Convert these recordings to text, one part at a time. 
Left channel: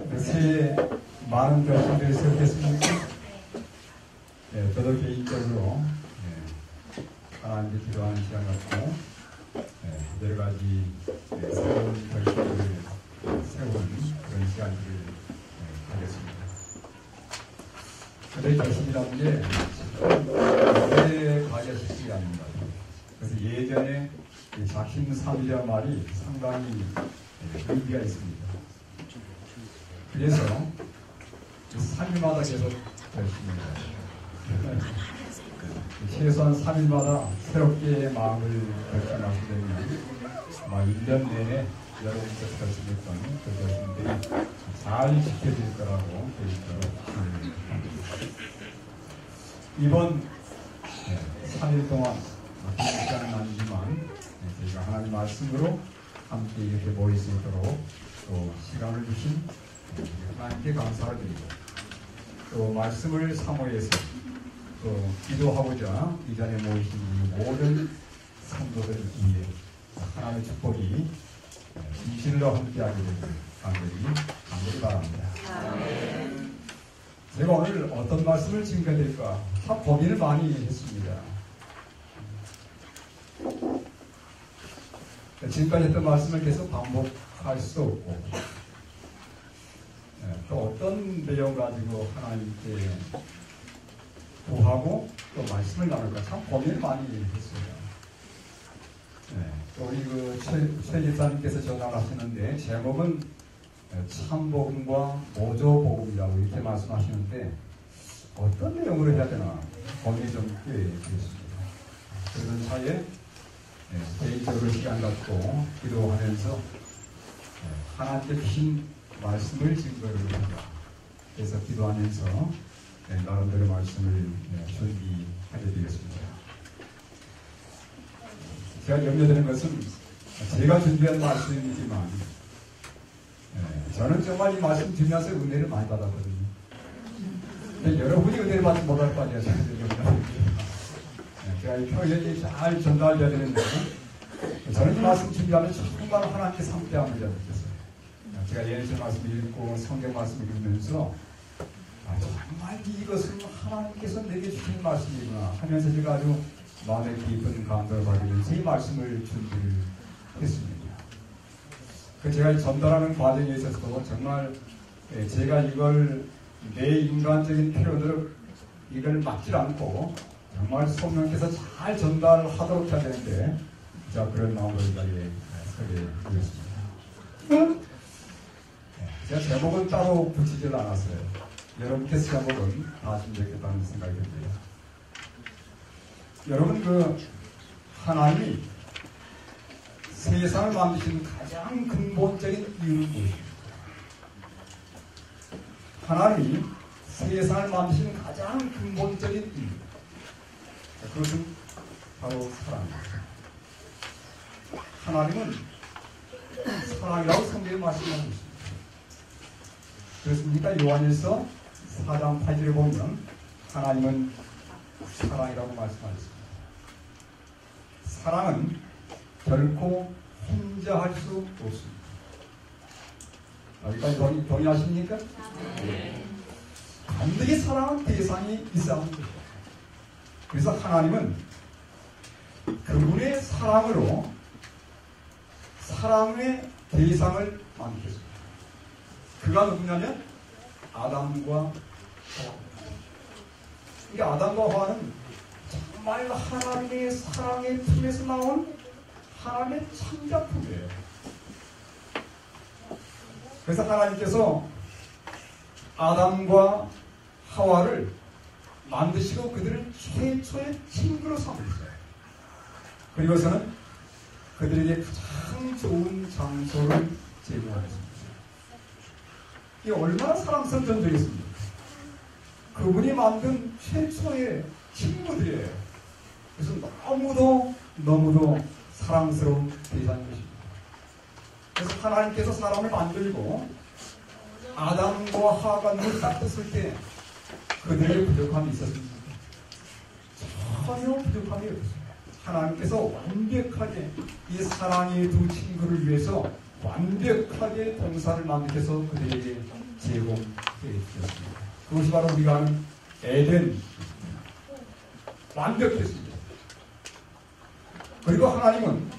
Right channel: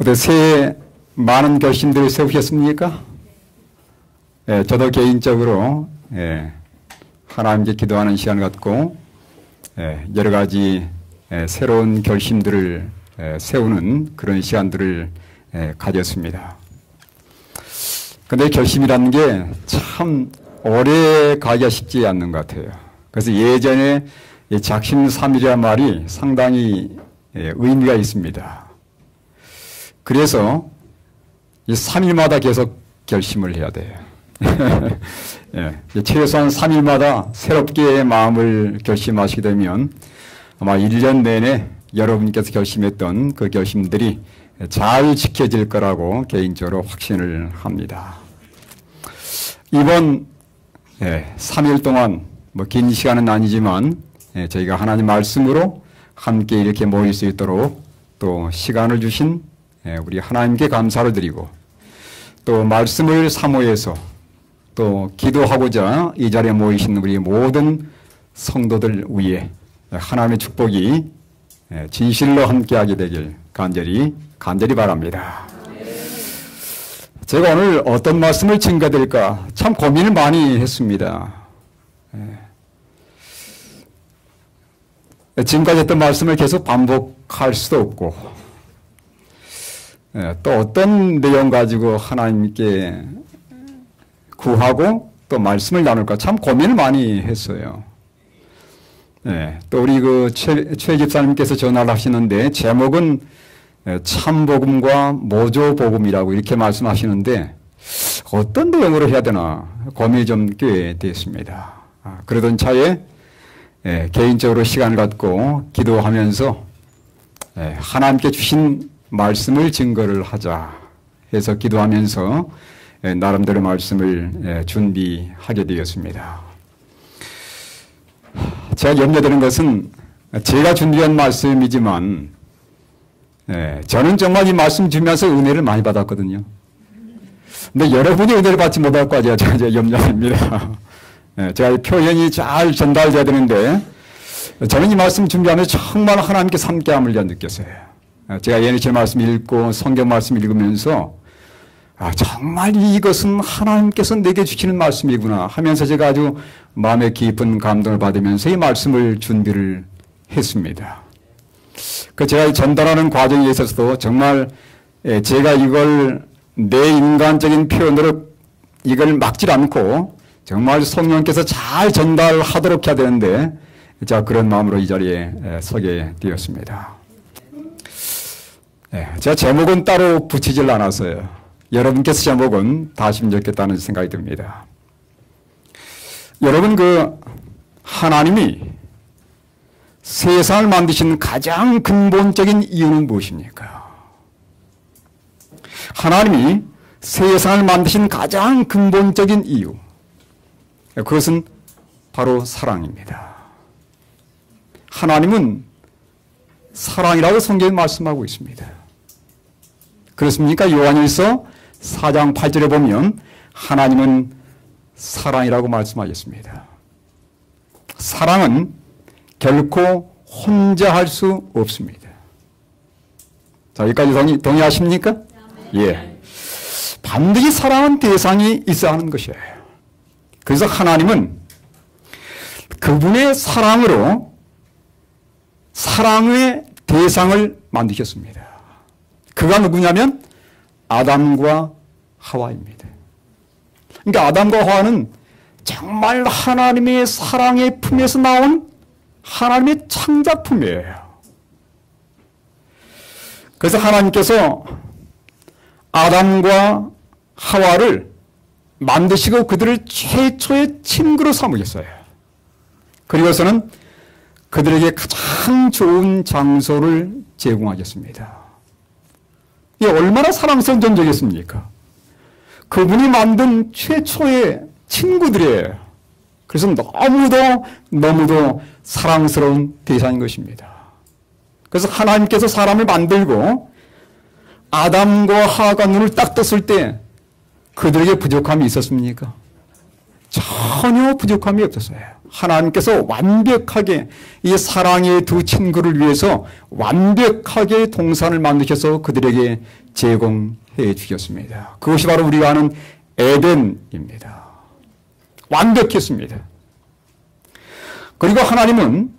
어때 새해 많은 결심들 세우셨습니까? 예, 저도 개인적으로 하나님께 기도하는 시간을 갖고 여러 가지 새로운 결심들을 세우는 그런 시간들을 가졌습니다. 근데 결심이라는 게 참 오래 가기가 쉽지 않는 것 같아요. 그래서 예전에 작심삼일이라는 말이 상당히 의미가 있습니다. 그래서 이 3일마다 계속 결심을 해야 돼요. 최소한 3일마다 새롭게 마음을 결심하시게 되면 아마 1년 내내 여러분께서 결심했던 그 결심들이 잘 지켜질 거라고 개인적으로 확신을 합니다. 이번 3일 동안 긴 시간은 아니지만 저희가 하나님 말씀으로 함께 이렇게 모일 수 있도록 또 시간을 주신 우리 하나님께 감사를 드리고 또 말씀을 사모해서 또 기도하고자 이 자리에 모이신 우리 모든 성도들 위해 하나님의 축복이 진실로 함께하게 되길 간절히 바랍니다. 제가 오늘 어떤 말씀을 증거드릴까 참 고민을 많이 했습니다. 지금까지 했던 말씀을 계속 반복할 수도 없고 또 어떤 내용 가지고 하나님께 구하고 또 말씀을 나눌까 참 고민을 많이 했어요. 또 우리 최 집사님께서 전화를 하시는데 제목은 참복음과 모조복음이라고 이렇게 말씀하시는데 어떤 내용으로 해야 되나 고민이 좀 꽤 됐습니다. 그러던 차에 개인적으로 시간을 갖고 기도하면서 하나님께 주신 말씀을 증거를 하자 해서 기도하면서 나름대로 말씀을 준비하게 되었습니다. 제가 염려되는 것은 제가 준비한 말씀이지만 저는 정말 이 말씀 주면서 은혜를 많이 받았거든요. 근데 여러분이 은혜를 받지 못할까 제가 염려됩니다. 제가 이 표현이 잘 전달돼야 되는데 저는 이 말씀 준비하면서 정말 하나님께 함께함을 느꼈어요. 제가 예언의 말씀 읽고 성경 말씀 읽으면서 정말 이것은 하나님께서 내게 주시는 말씀이구나 하면서 제가 아주 마음에 깊은 감동을 받으면서 이 말씀을 준비를 했습니다. 제가 전달하는 과정에 있어서도 정말 제가 이걸 내 인간적인 표현으로 이걸 막질 않고 정말 성령께서 잘 전달하도록 해야 되는데 제가 그런 마음으로 이 자리에 서게 되었습니다. 제가 제목은 따로 붙이질 않았어요. 여러분께서 제목은 다 하시면 좋겠다는 생각이 듭니다. 여러분 하나님이 세상을 만드신 가장 근본적인 이유는 무엇입니까? 하나님이 세상을 만드신 가장 근본적인 이유 그것은 바로 사랑입니다. 하나님은 사랑이라고 성경에 말씀하고 있습니다. 그렇습니까? 요한일서 4장 8절에 보면 하나님은 사랑이라고 말씀하셨습니다. 사랑은 결코 혼자 할 수 없습니다. 자, 여기까지 동의하십니까? 예. 반드시 사랑하는 대상이 있어야 하는 것이에요. 그래서 하나님은 그분의 사랑으로 사랑의 대상을 만드셨습니다. 그가 누구냐면 아담과 하와입니다. 그러니까 아담과 하와는 정말 하나님의 사랑의 품에서 나온 하나님의 창작품이에요. 그래서 하나님께서 아담과 하와를 만드시고 그들을 최초의 친구로 삼으셨어요. 그리고서는 그들에게 가장 좋은 장소를 제공하셨습니다. 이게 얼마나 사랑스러운 존재겠습니까? 그분이 만든 최초의 친구들이에요. 그래서 너무도 사랑스러운 대상인 것입니다. 그래서 하나님께서 사람을 만들고 아담과 하와가 눈을 딱 떴을 때 그들에게 부족함이 있었습니까? 전혀 부족함이 없었어요. 하나님께서 완벽하게 이 사랑의 두 친구를 위해서 완벽하게 동산을 만드셔서 그들에게 제공해 주셨습니다. 그것이 바로 우리가 아는 에덴입니다. 완벽했습니다. 그리고 하나님은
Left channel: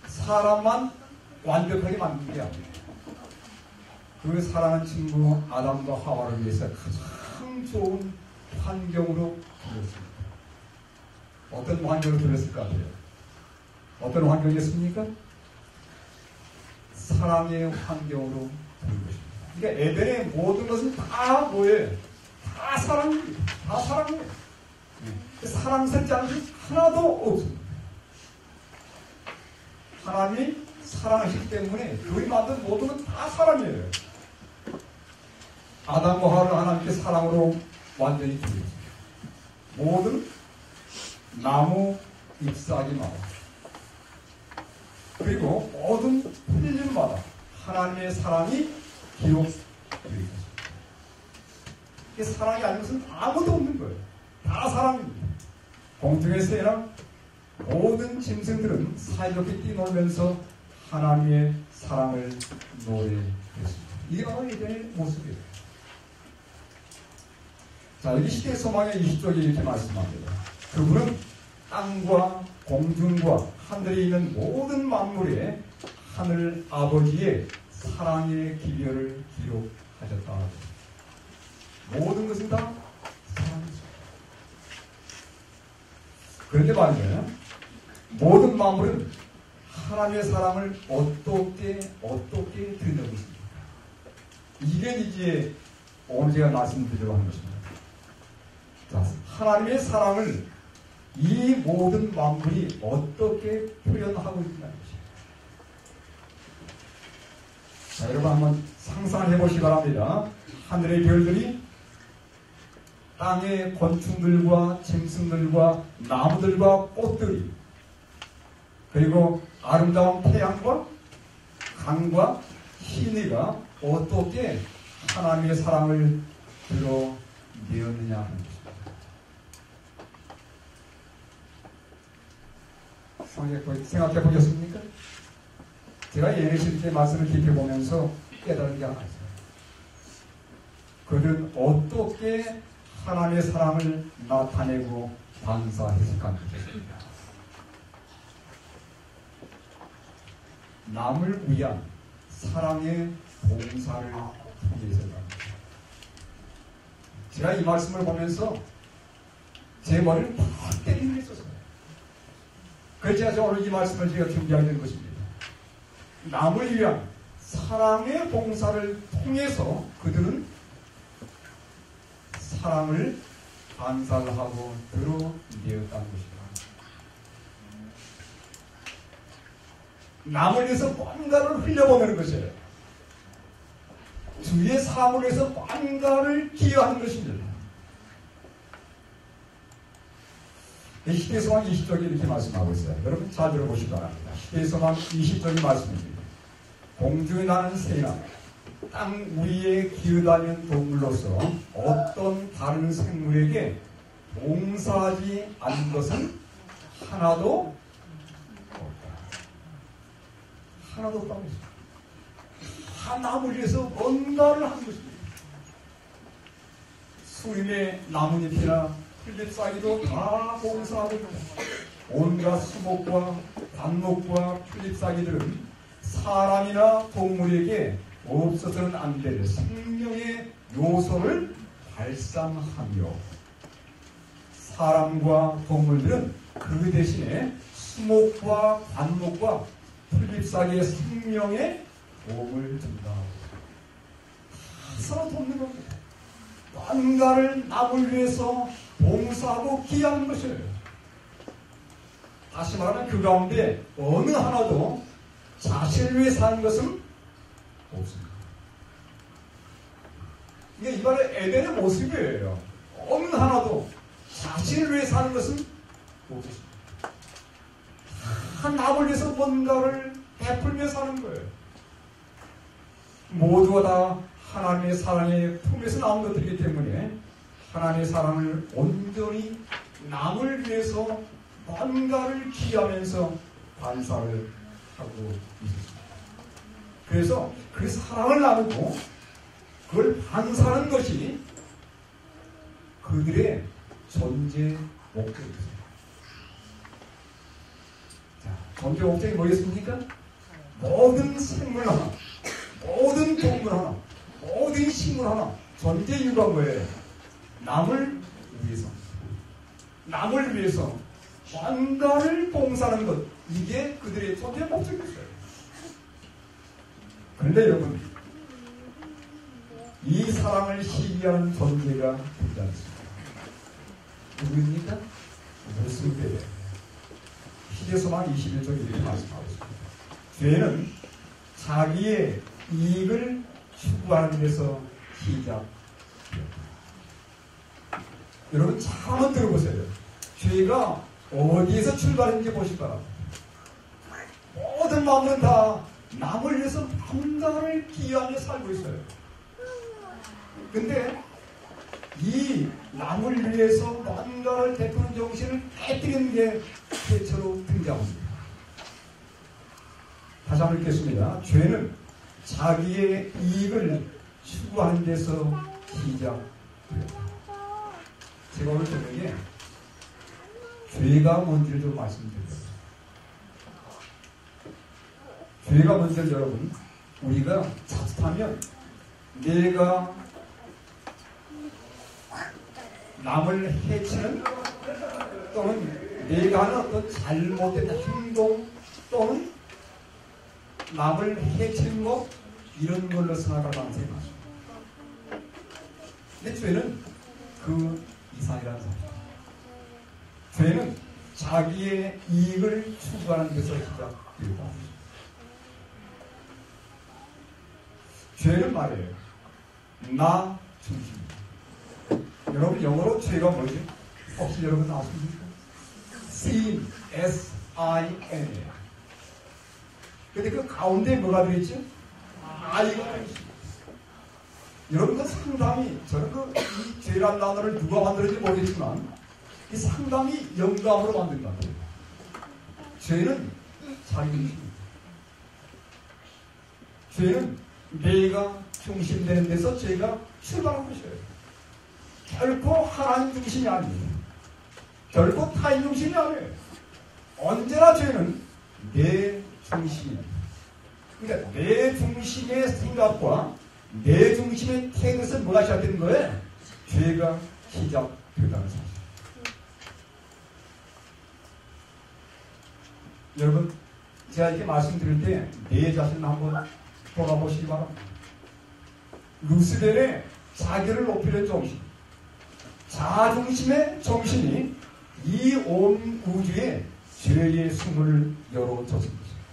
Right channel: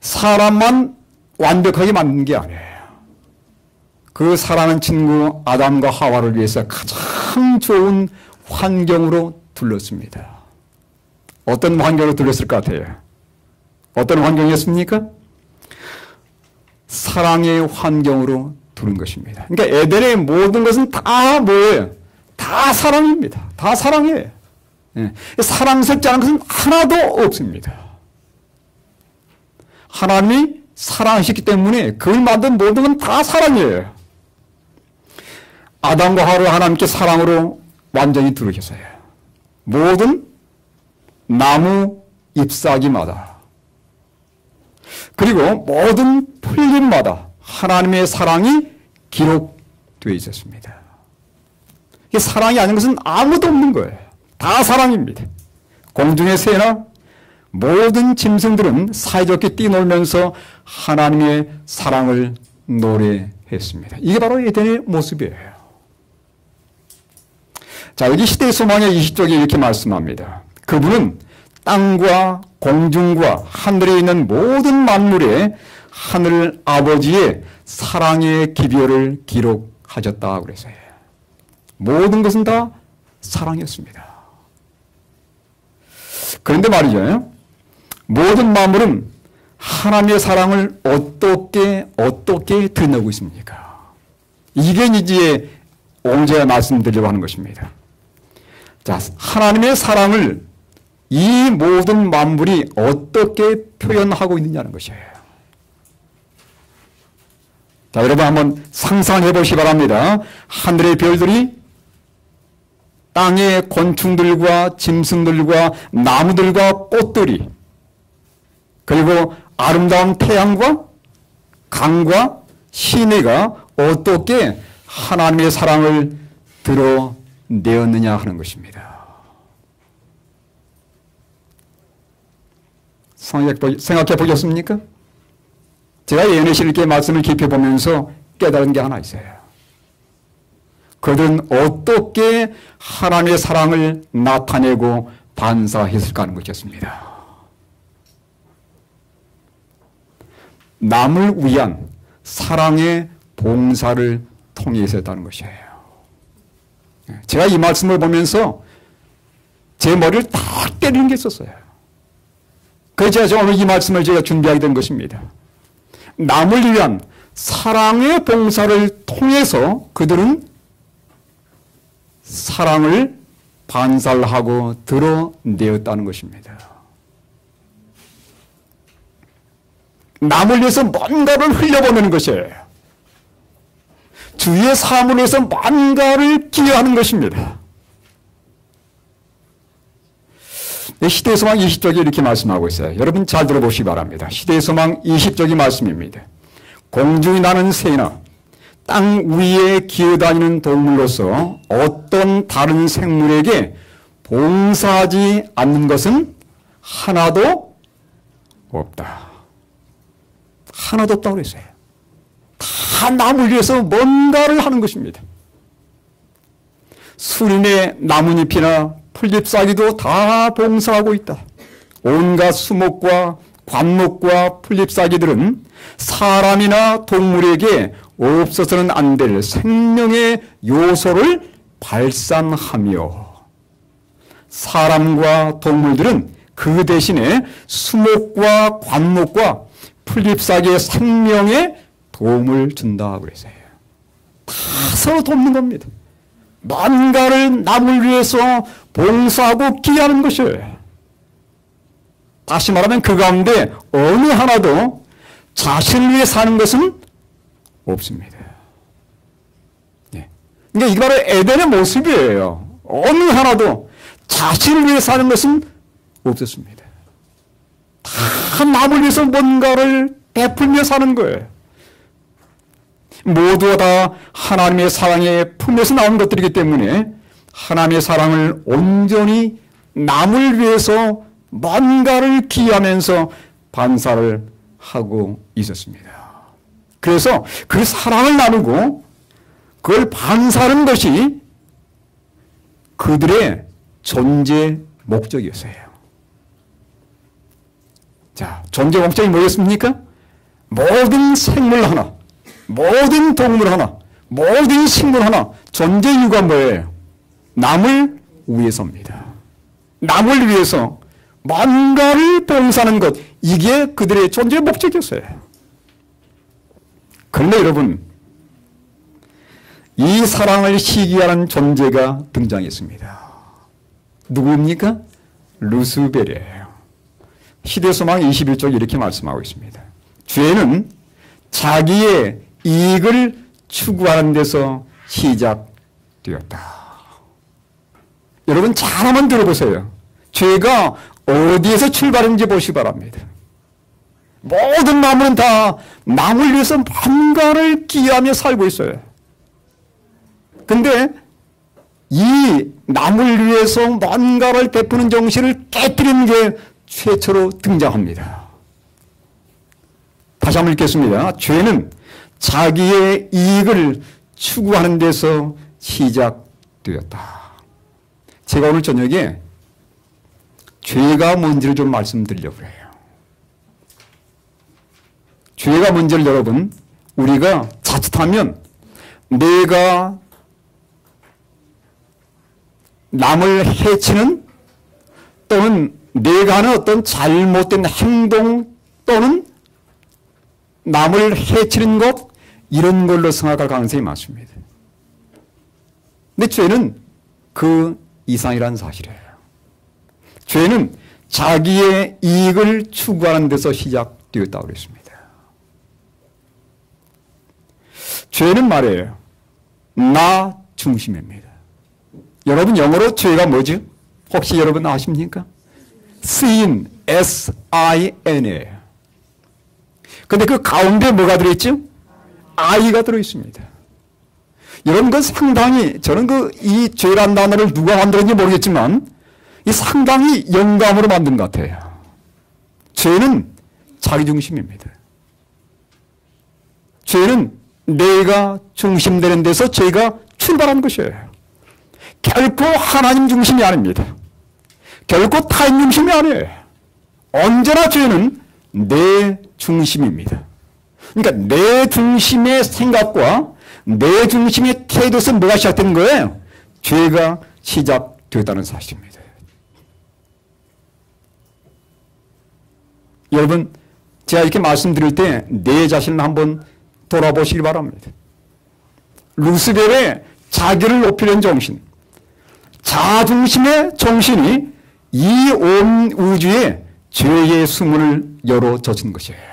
사람만 완벽하게 만든 게 아니에요. 그 사랑하는 친구 아담과 하와를 위해서 가장 좋은 환경으로 둘렀습니다. 어떤 환경으로 둘렀을 것 같아요? 어떤 환경이었습니까? 사랑의 환경으로 두른 것입니다. 그러니까 에덴의 모든 것은 다 뭐예요? 다 사랑입니다. 다 사랑이에요. 사랑스럽지 않은 것은 하나도 없습니다. 하나님이 사랑하셨기 때문에 그를 만든 모든 건 다 사랑이에요. 아담과 하와를 하나님께 사랑으로 완전히 두르셨어요. 모든 나무 잎사귀마다 그리고 모든 풀잎마다 하나님의 사랑이 기록되어 있었습니다. 사랑이 아닌 것은 아무도 없는 거예요. 다 사랑입니다. 공중의 새나 모든 짐승들은 사이좋게 뛰놀면서 하나님의 사랑을 노래했습니다. 이게 바로 에덴의 모습이에요. 자, 여기 시대의 소망의 20쪽에 이렇게 말씀합니다. 그분은 땅과 공중과 하늘에 있는 모든 만물에 하늘 아버지의 사랑의 기별을 기록하셨다 그래서요. 모든 것은 다 사랑이었습니다. 그런데 말이죠. 모든 만물은 하나님의 사랑을 어떻게 드러내고 있습니까? 이게 이제 오늘 말씀드리려고 하는 것입니다. 자, 하나님의 사랑을 이 모든 만물이 어떻게 표현하고 있느냐는 것이에요. 자, 여러분 한번 상상해 보시기 바랍니다. 하늘의 별들이 땅의 곤충들과 짐승들과 나무들과 꽃들이 그리고 아름다운 태양과 강과 시내가 어떻게 하나님의 사랑을 드러내었느냐 하는 것입니다. 생각해 보셨습니까? 제가 예언의 이렇게 말씀을 깊이 보면서 깨달은 게 하나 있어요. 그들은 어떻게 하나님의 사랑을 나타내고 반사했을까 하는 것이었습니다. 남을 위한 사랑의 봉사를 통해서 했다는 것이에요. 제가 이 말씀을 보면서 제 머리를 딱 때리는 게 있었어요. 그래서 제가 오늘 이 말씀을 제가 준비하게 된 것입니다. 남을 위한 사랑의 봉사를 통해서 그들은 사랑을 반살하고 드러내었다는 것입니다. 남을 위해서 뭔가를 흘려보내는 것이에요. 주위의 사람을 위해서 뭔가를 기여하는 것입니다. 시대의 소망 20쪽이 이렇게 말씀하고 있어요. 여러분 잘 들어보시기 바랍니다. 시대의 소망 20쪽이 말씀입니다. 공중이 나는 새나 땅 위에 기어다니는 동물로서 어떤 다른 생물에게 봉사하지 않는 것은 하나도 없다. 하나도 없다고 그랬어요. 다 남을 위해서 뭔가를 하는 것입니다. 수림의 나뭇잎이나 풀잎사귀도 다 봉사하고 있다. 온갖 수목과 관목과 풀잎사귀들은 사람이나 동물에게 없어서는 안 될 생명의 요소를 발산하며 사람과 동물들은 그 대신에 수목과 관목과 풀잎사귀의 생명에 도움을 준다 그랬어요. 다 서로 돕는 겁니다. 뭔가를 남을 위해서 봉사하고 기여하는 것이에요. 다시 말하면 그 가운데 어느 하나도 자신을 위해 사는 것은 없습니다. 그러니까 이게 바로 에덴의 모습이에요. 어느 하나도 자신을 위해 사는 것은 없었습니다. 다 남을 위해서 뭔가를 베풀며 사는 거예요. 모두가 다 하나님의 사랑의 품에서 나온 것들이기 때문에 하나님의 사랑을 온전히 남을 위해서 뭔가를 기하면서 반사를 하고 있었습니다. 그래서 그 사랑을 나누고 그걸 반사하는 것이 그들의 존재 목적이었어요. 자, 존재 목적이 뭐였습니까? 모든 생물 하나, 모든 동물 하나, 모든 식물 하나 존재 이유가 뭐예요? 남을 위해서입니다. 남을 위해서 뭔가를 봉사하는 것, 이게 그들의 존재 목적이었어요. 그런데 여러분, 이 사랑을 시기하는 존재가 등장했습니다. 누구입니까? 루스벨이에요. 시대소망 21쪽 이렇게 말씀하고 있습니다. 죄는 자기의 이익을 추구하는 데서 시작되었다. 여러분 잘 한번 들어보세요. 죄가 어디에서 출발하는지 보시기 바랍니다. 모든 마음은 다 남을 위해서 뭔가를 기하며 살고 있어요. 근데 이 남을 위해서 뭔가를 베푸는 정신을 깨뜨리는 게 최초로 등장합니다. 다시 한번 읽겠습니다. 죄는 자기의 이익을 추구하는 데서 시작되었다. 제가 오늘 저녁에 죄가 뭔지를 좀 말씀드리려고 해요. 죄가 뭔지를 여러분, 우리가 자칫하면 내가 남을 해치는 또는 내가 하는 어떤 잘못된 행동 또는 남을 해치는 것, 이런 걸로 생각할 가능성이 많습니다. 근데 죄는 그 이상이라는 사실이에요. 죄는 자기의 이익을 추구하는 데서 시작되었다고 했습니다. 죄는 말이에요, 나 중심입니다. 여러분 영어로 죄가 뭐죠? 혹시 여러분 아십니까? sin, S-I-N이에요. 근데 그 가운데 뭐가 들어있죠? I가 들어있습니다. 여러분 그 상당히, 저는 이 죄란 단어를 누가 만들었는지 모르겠지만 이 상당히 영감으로 만든 것 같아요. 죄는 자기 중심입니다. 죄는 내가 중심되는 데서 죄가 출발한 것이에요. 결코 하나님 중심이 아닙니다. 결코 타인 중심이 아니에요. 언제나 죄는 내 중심입니다. 그러니까 내 중심의 생각과 내 중심의 태도에서 뭐가 시작되는 거예요? 죄가 시작되었다는 사실입니다. 여러분, 제가 이렇게 말씀드릴 때 내 자신을 한번 돌아보시기 바랍니다. 루스벨의 자기를 높이려는 정신, 자중심의 정신이 이 온 우주에 죄의 수문을 열어 젖은 것이에요.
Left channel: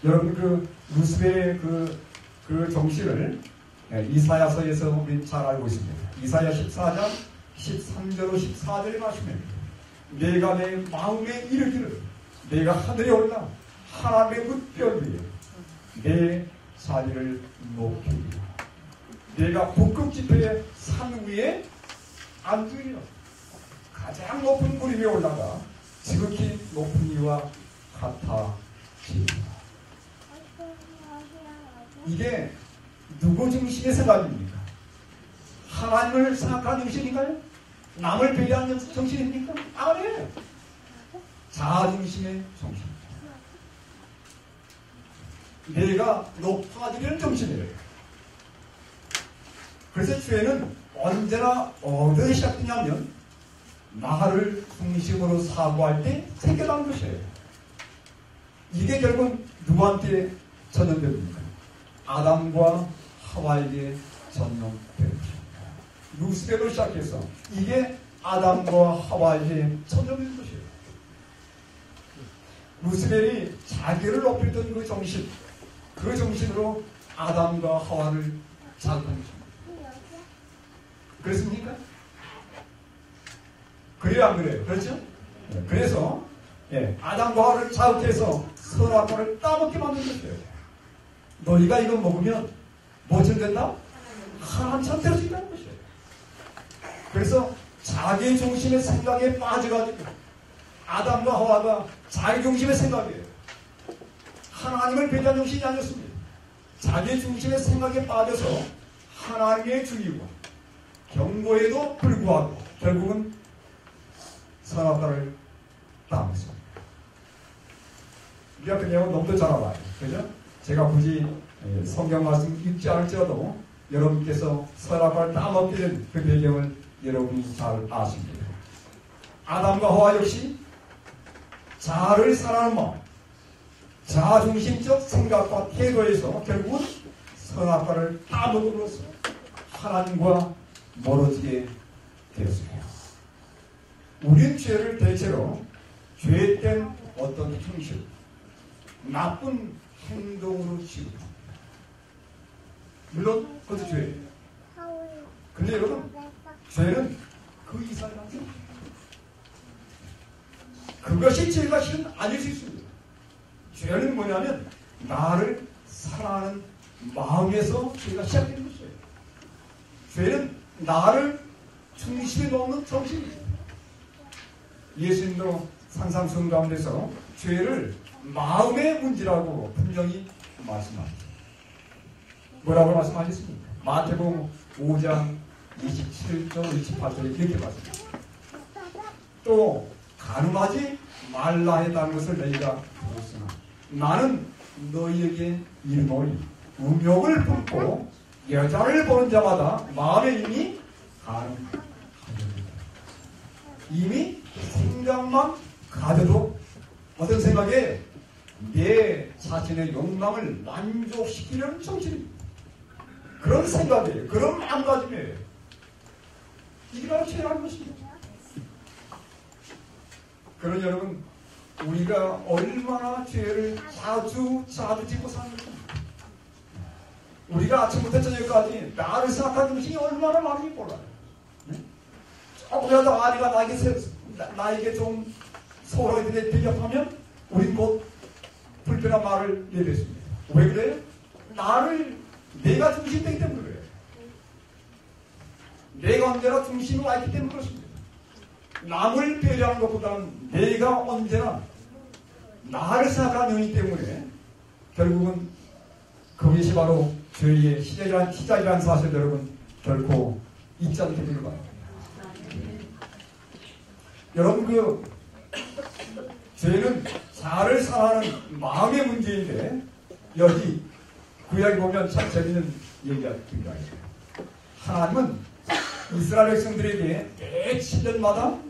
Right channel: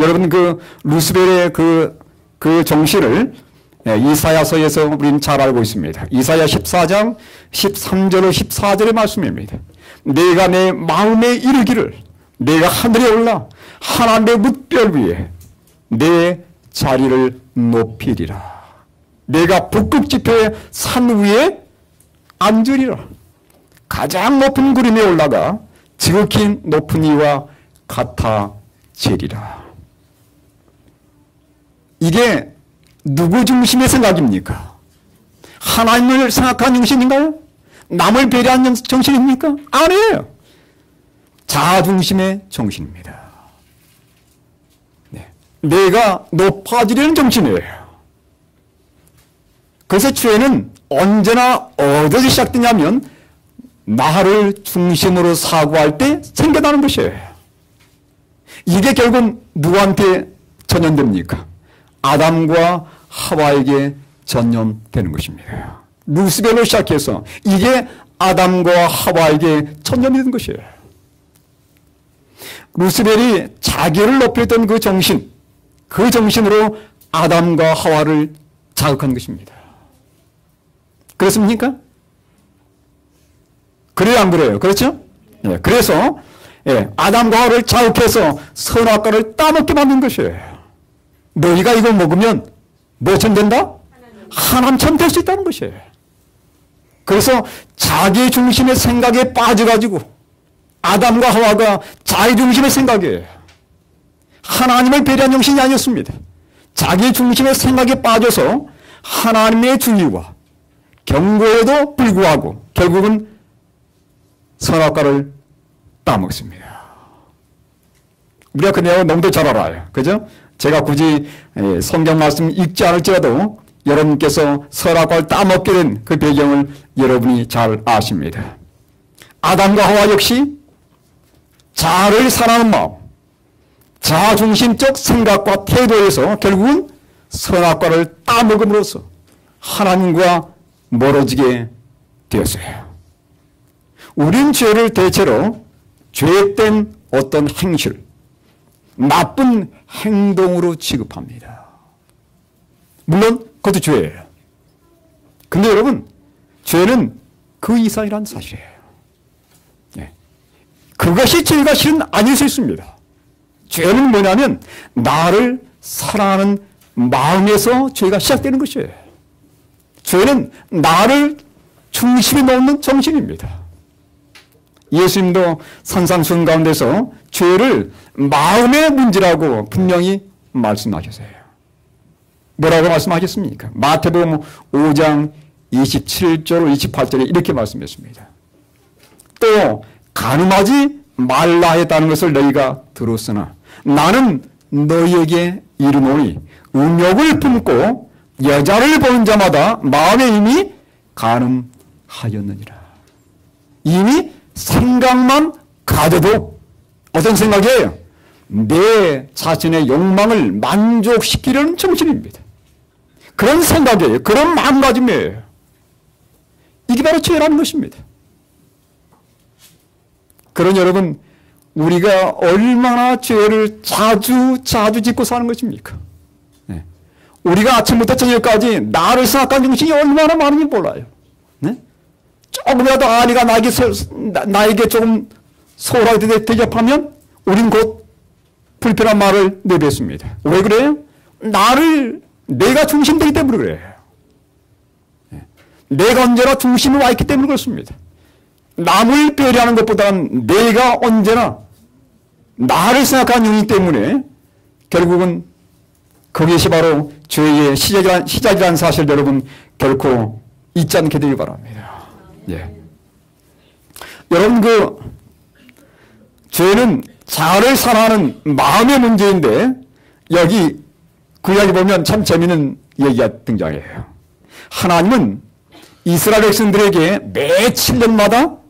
여러분 그 루스벨의 그 정신을 이사야서에서 우리는 잘 알고 있습니다. 이사야 14장 13절로 14절의 말씀입니다. 내가 내 마음에 이르기를 내가 하늘에 올라 하나님의 뭇별 위에 내 자리를 높이리라. 내가 북극 지표의 산 위에 앉으리라. 가장 높은 구름에 올라가 지극히 높은 이와 같아지리라. 이게 누구 중심의 생각입니까? 하나님을 생각한 정신인가요? 남을 배려한 정신입니까? 아니에요. 자아 중심의 정신입니다. 네. 내가 높아지려는 정신이에요. 그래서 죄는 언제나 어디서 시작되냐면 나를 중심으로 사고할 때 생겨나는 것이에요. 이게 결국 누구한테 전염됩니까? 아담과 하와에게 전염되는 것입니다. 루스벨로 시작해서 이게 아담과 하와에게 전염된 것이에요. 루스벨이 자기를 높였던 그 정신, 그 정신으로 아담과 하와를 자극한 것입니다. 그렇습니까? 그래요, 안 그래요? 그렇죠? 예, 그래서 아담과 하와를 자극해서 선악과를 따먹게 만든 것이에요. 너희가 이걸 먹으면 뭐처럼 된다? 하나님처럼 될 수 있다는 것이에요. 그래서 자기 중심의 생각에 빠져가지고 아담과 하와가 자기 중심의 생각에 하나님을 배려한 정신이 아니었습니다. 자기 중심의 생각에 빠져서 하나님의 주의와 경고에도 불구하고 결국은 선악과를 따먹습니다. 우리가 그 내용을 너무도 잘 알아요. 그죠? 제가 굳이 성경 말씀 읽지 않을지라도 여러분께서 선악과를 따먹게 된 그 배경을 여러분이 잘 아십니다. 아담과 하와 역시 자아를 사랑하는 마음, 자아중심적 생각과 태도에서 결국은 선악과를 따먹음으로써 하나님과 멀어지게 되었어요. 우린 죄를 대체로 죄된 어떤 행실, 나쁜 행동으로 취급합니다. 물론 그것도 죄예요. 근데 여러분, 죄는 그 이상이라는 사실이에요. 그것이 죄가 실은 아닐 수 있습니다. 죄는 뭐냐면 나를 사랑하는 마음에서 죄가 시작되는 것이에요. 죄는 나를 중심에 놓는 정신입니다. 예수님도 산상수훈 가운데서 죄를 마음의 문제라고 분명히 말씀하셨어요. 뭐라고 말씀하셨습니까? 마태복음 5장 27절 28절에 이렇게 말씀했습니다. 또 간음하지 말라 했다는 것을 너희가 들었으나 나는 너희에게 이르노니 음욕을 품고 여자를 보는 자마다 마음에 이미 간음하였느니라. 이미 생각만 가져도 어떤 생각이에요? 내 자신의 욕망을 만족시키려는 정신입니다. 그런 생각이에요. 그런 마음가짐이에요. 이게 바로 죄라는 것입니다. 그런 여러분, 우리가 얼마나 죄를 자주 짓고 사는 것입니까? 네. 우리가 아침부터 저녁까지 나를 생각하는 정신이 얼마나 많은지 몰라요. 네? 조금이라도 아내가 나에게 조금 소홀하게 대접하면 우린 곧 불편한 말을 내뱉습니다. 왜 그래요? 내가 중심되기 때문에 그래요. 네. 내가 언제나 중심에 와 있기 때문에 그렇습니다. 남을 배려하는 것보다는 내가 언제나 나를 생각하는 영이기 때문에 결국은 그것이 바로 죄의 시작이라는 사실 여러분 결코 잊지 않게 되길 바랍니다. 예. 여러분 죄는 자아를 사랑하는 마음의 문제인데 여기 그 이야기 보면 참 재미있는 얘기가 등장해요. 하나님은 이스라엘 백성들에게 매 7년마다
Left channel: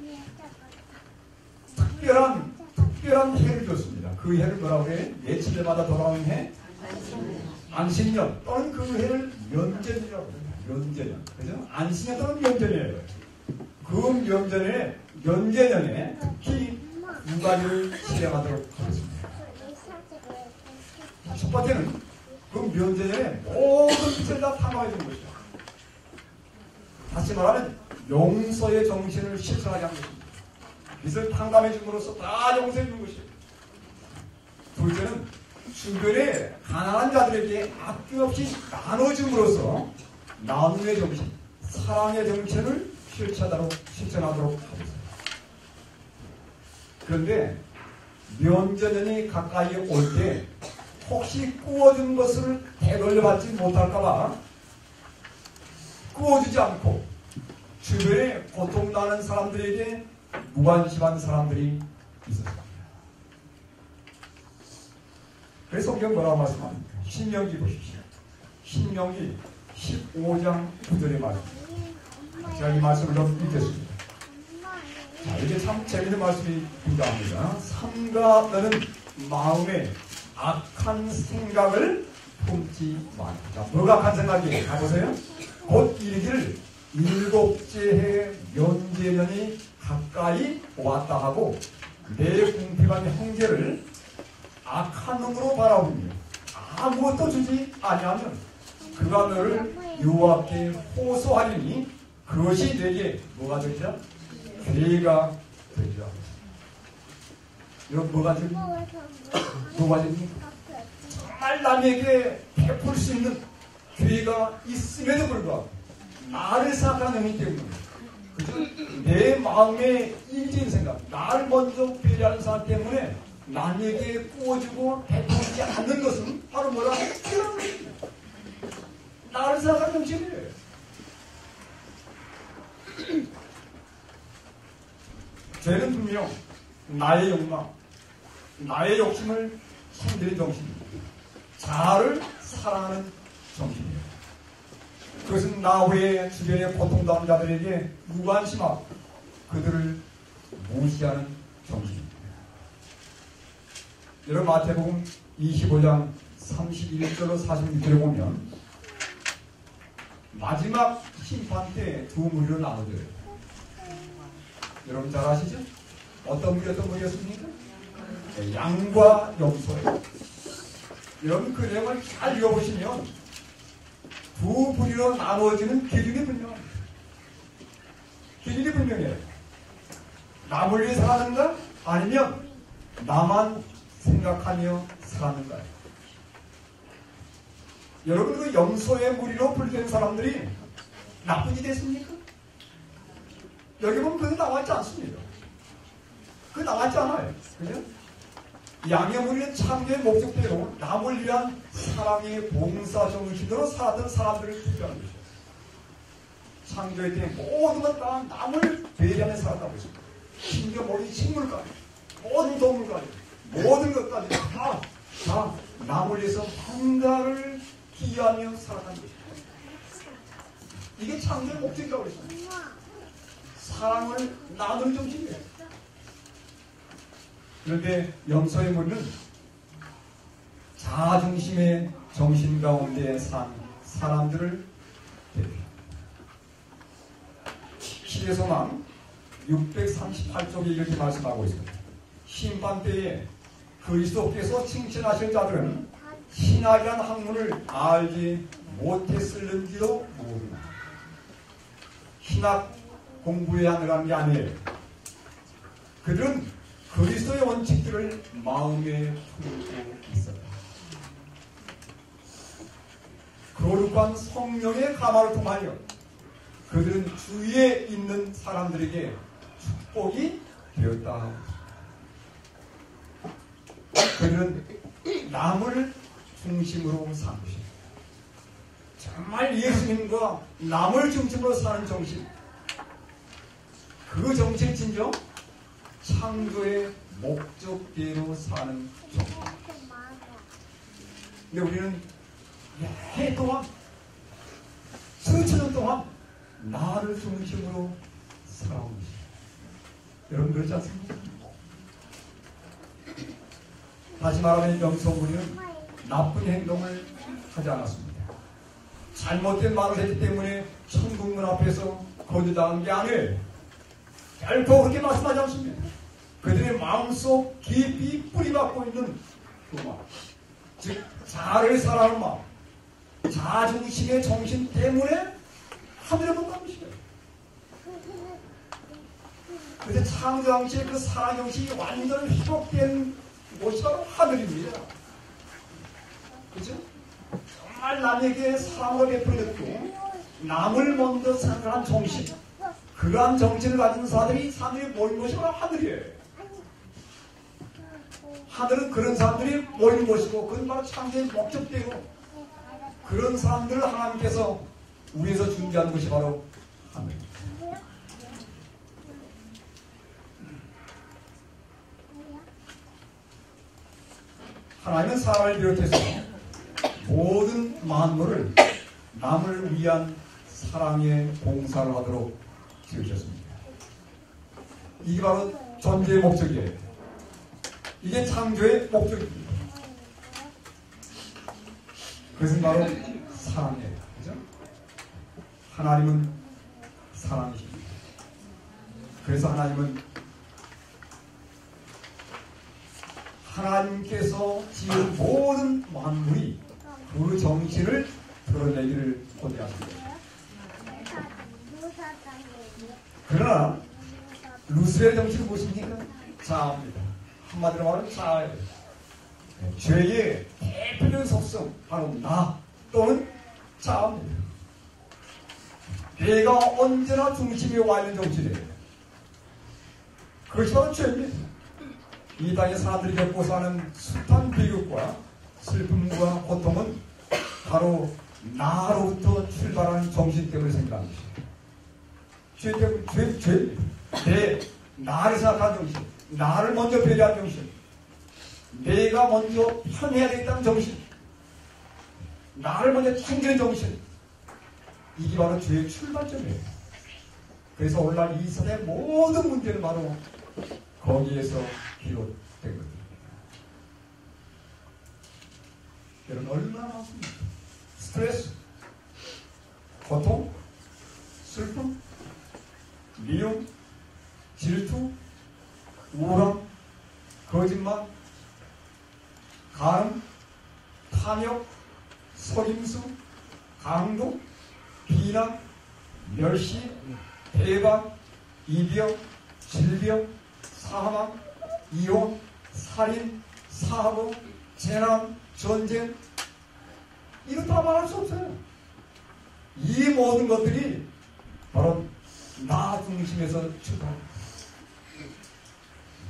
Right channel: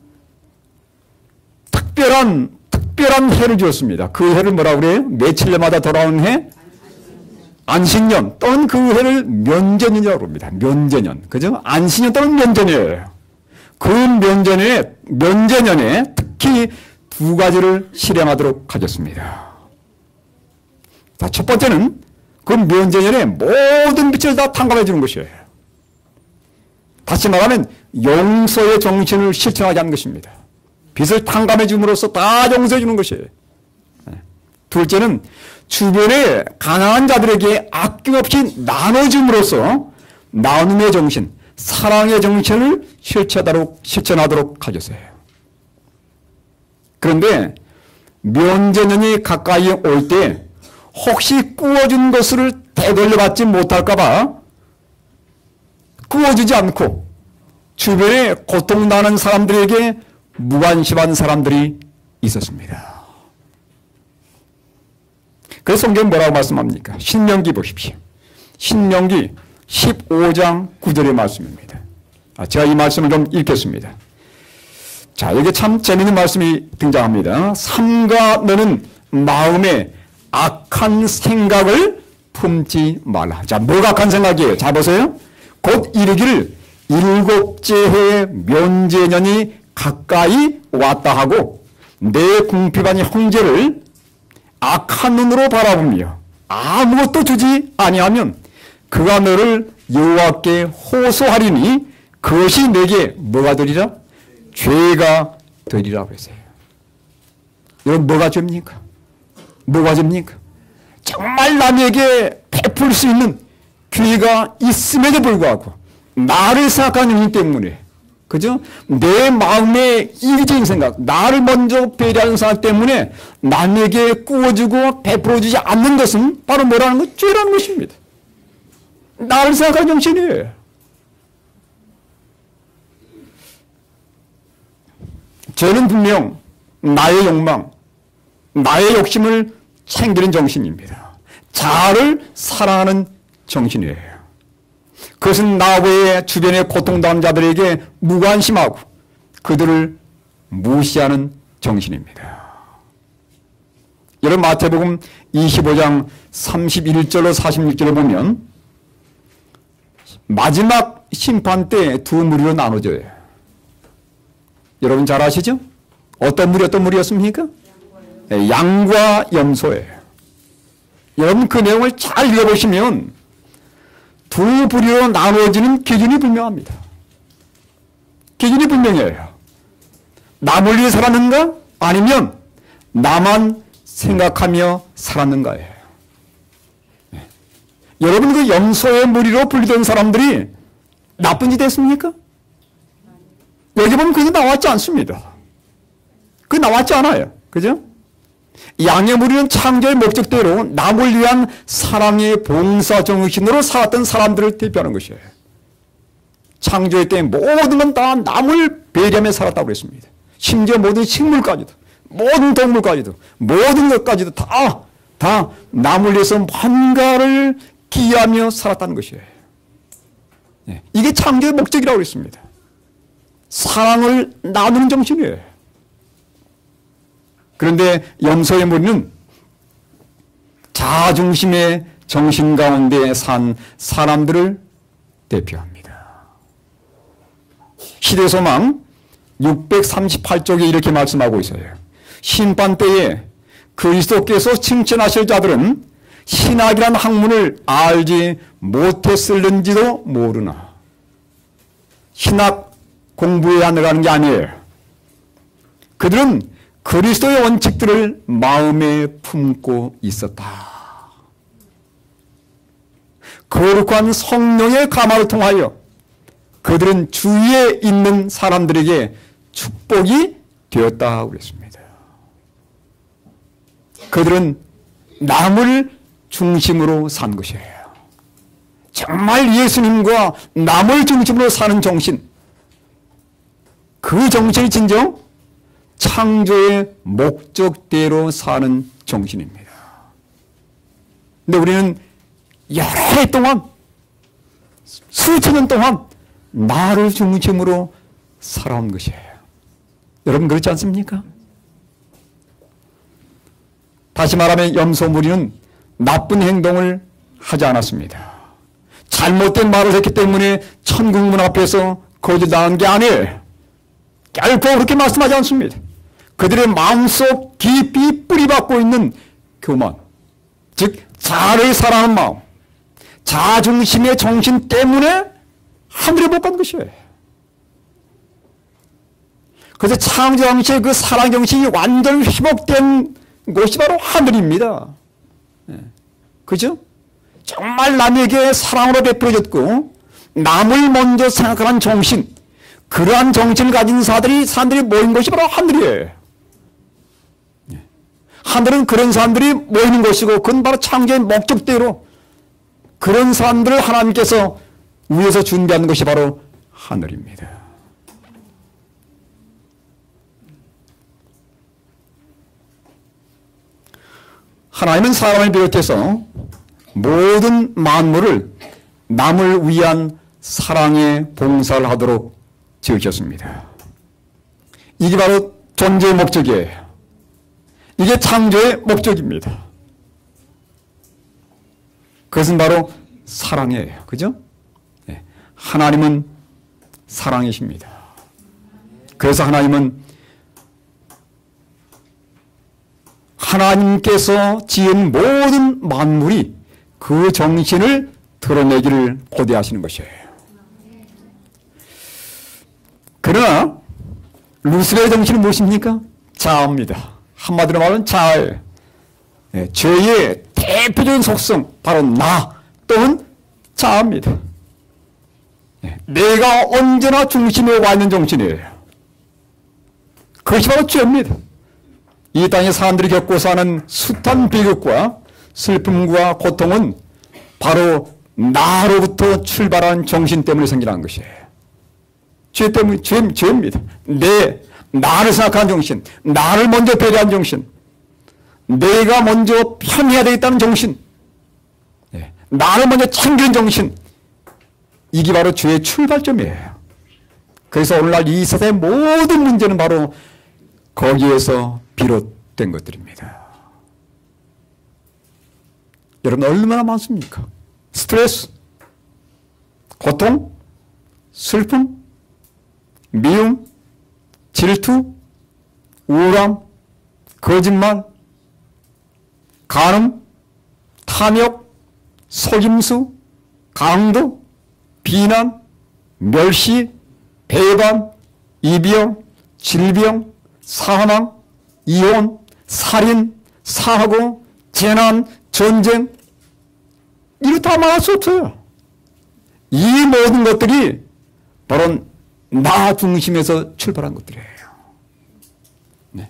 특별한 해를 주었습니다. 그 해를 뭐라고 그래요? 매 7년마다 돌아오는 해? 안식년 또는 그 해를 면제년이라고 합니다. 면제년. 그죠? 안식년 또는 면제년이에요. 그 면제년에 특히 두 가지를 실행하도록 하겠습니다. 자, 첫 번째는 그 면제년에 모든 빛을 다 탕감해 주는 것이에요. 다시 말하면 용서의 정신을 실천하게 하는 것입니다. 빚을 탕감해 줌으로써 다 용서해 주는 것이에요. 둘째는 주변의 가난한 자들에게 아낌없이 나눠줌으로써 나눔의 정신, 사랑의 정신을 실천하도록 하겠어요. 그런데 면제년이 가까이 올 때 혹시 구워준 것을 되돌려받지 못할까봐 구워주지 않고 주변에 고통나는 사람들에게 무관심한 사람들이 있었습니다. 그래서 성경은 뭐라고 말씀합니까? 신명기 보십시오. 신명기 15장 9절의 말씀입니다. 제가 이 말씀을 좀 읽겠습니다. 자, 여기 참 재미있는 말씀이 등장합니다. 삼가 너는 마음에 악한 생각을 품지 말라. 자, 뭐가 악한 생각이에요? 자, 보세요. 곧 이르기를 일곱째 해 면제년이 가까이 왔다 하고 내 궁핍한 형제를 악한 눈으로 바라보며 아무것도 주지 아니하면 그가 너를 여호와께 호소하리니 그것이 내게 뭐가 되리라? 죄가 되리라고 했어요. 여러분 뭐가 죄입니까? 뭐가 죄입니까? 정말 남에게 베풀 수 있는 기회가 있음에도 불구하고 나를 생각하는 이유 때문에 그죠? 내 마음의 이기적인 생각, 나를 먼저 배려하는 생각 때문에 남에게 꾸어주고 베풀어주지 않는 것은 바로 뭐라는 것? 죄라는 것입니다. 나를 생각하는 정신이에요. 죄는 분명 나의 욕망, 나의 욕심을 챙기는 정신입니다. 자아를 사랑하는 정신이에요. 그것은 나 외에 주변의 고통당한 자들에게 무관심하고 그들을 무시하는 정신입니다. 여러분 마태복음 25장 31절로 46절을 보면 마지막 심판 때 두 무리로 나눠져요. 여러분 잘 아시죠? 어떤 무리였습니까? 양과 염소예요. 여러분 그 내용을 잘 읽어보시면 두 부류로 나누어지는 기준이 분명합니다. 기준이 분명해요. 남을 위해 살았는가? 아니면 나만 생각하며 살았는가예요. 여러분 그 염소의 무리로 분리된 사람들이 나쁜 짓 했습니까? 여기 보면 그게 나왔지 않습니다. 그게 나왔지 않아요. 그죠? 양의 무리는 창조의 목적대로 남을 위한 사랑의 봉사 정신으로 살았던 사람들을 대표하는 것이에요. 창조의 때 모든 건 다 남을 배려하며 살았다고 했습니다. 심지어 모든 식물까지도, 모든 동물까지도, 모든 것까지도 다 남을 위해서 뭔가를 기여하며 살았다는 것이에요. 이게 창조의 목적이라고 했습니다. 사랑을 나누는 정신이에요. 그런데 염소의 무리는 자아중심의 정신 가운데 산 사람들을 대표합니다. 시대소망 638쪽에 이렇게 말씀하고 있어요. 심판 때에 그리스도께서 칭찬하실 자들은 신학이란 학문을 알지 못했을는지도 모르나. 신학 공부해야 하는 게 아니에요. 그들은 그리스도의 원칙들을 마음에 품고 있었다. 거룩한 성령의 감화를 통하여 그들은 주위에 있는 사람들에게 축복이 되었다고 했습니다. 그들은 남을 중심으로 산 것이에요. 정말 예수님과 남을 중심으로 사는 정신, 그 정신이 진정 창조의 목적대로 사는 정신입니다. 근데 우리는 여러 해 동안, 수천 년 동안 나를 중심으로 살아온 것이에요. 여러분 그렇지 않습니까? 다시 말하면 염소 무리는 나쁜 행동을 하지 않았습니다. 잘못된 말을 했기 때문에 천국문 앞에서 거짓당한 게 아니에요. 결코 그렇게 말씀하지 않습니다. 그들의 마음속 깊이 뿌리박고 있는 교만, 즉 자아를 사랑하는 마음, 자아중심의 정신 때문에 하늘에 못 간 것이에요. 그래서 창조왕실의 그 사랑정신이 완전 회복된 곳이 바로 하늘입니다. 그죠? 정말 남에게 사랑으로 베풀어졌고 남을 먼저 생각하는 정신, 그러한 정신을 가진 사람들이 모인 곳이 바로 하늘이에요. 하늘은 그런 사람들이 모이는 곳이고 그건 바로 창조의 목적대로 그런 사람들을 하나님께서 위에서 준비한 것이 바로 하늘입니다. 하나님은 사람을 비롯해서 모든 만물을 남을 위한 사랑의 봉사를 하도록 지으셨습니다. 이게 바로 존재의 목적이에요. 이게 창조의 목적입니다. 그것은 바로 사랑이에요. 그죠? 하나님은 사랑이십니다. 그래서 하나님께서 지은 모든 만물이 그 정신을 드러내기를 고대하시는 것이에요. 그러나 루스의 정신은 무엇입니까? 자아입니다. 한마디로 말하면 자아예요. 죄의 대표적인 속성 바로 나 또는 자아입니다. 내가 언제나 중심에 와 있는 정신이에요. 그것이 바로 죄입니다. 이 땅의 사람들이 겪고 사는 숱한 비극과 슬픔과 고통은 바로 나로부터 출발한 정신 때문에 생겨난 것이에요. 죄 때문에, 죄입니다. 나를 생각하는 정신, 나를 먼저 배려한 정신, 내가 먼저 편해야 되겠다는 정신, 나를 먼저 챙기는 정신, 이게 바로 죄의 출발점이에요. 그래서 오늘날 이 세상의 모든 문제는 바로 거기에서 비롯된 것들입니다. 여러분 얼마나 많습니까? 스트레스, 고통, 슬픔, 미움, 질투, 우울함, 거짓말, 간음, 탐욕, 속임수, 강도, 비난, 멸시, 배반, 이병, 질병, 사망, 이혼, 살인, 사고, 재난, 전쟁, 이거 다 말할 수 없어요. 이 모든 것들이 바로 나 중심에서 출발한 것들이에요. 네.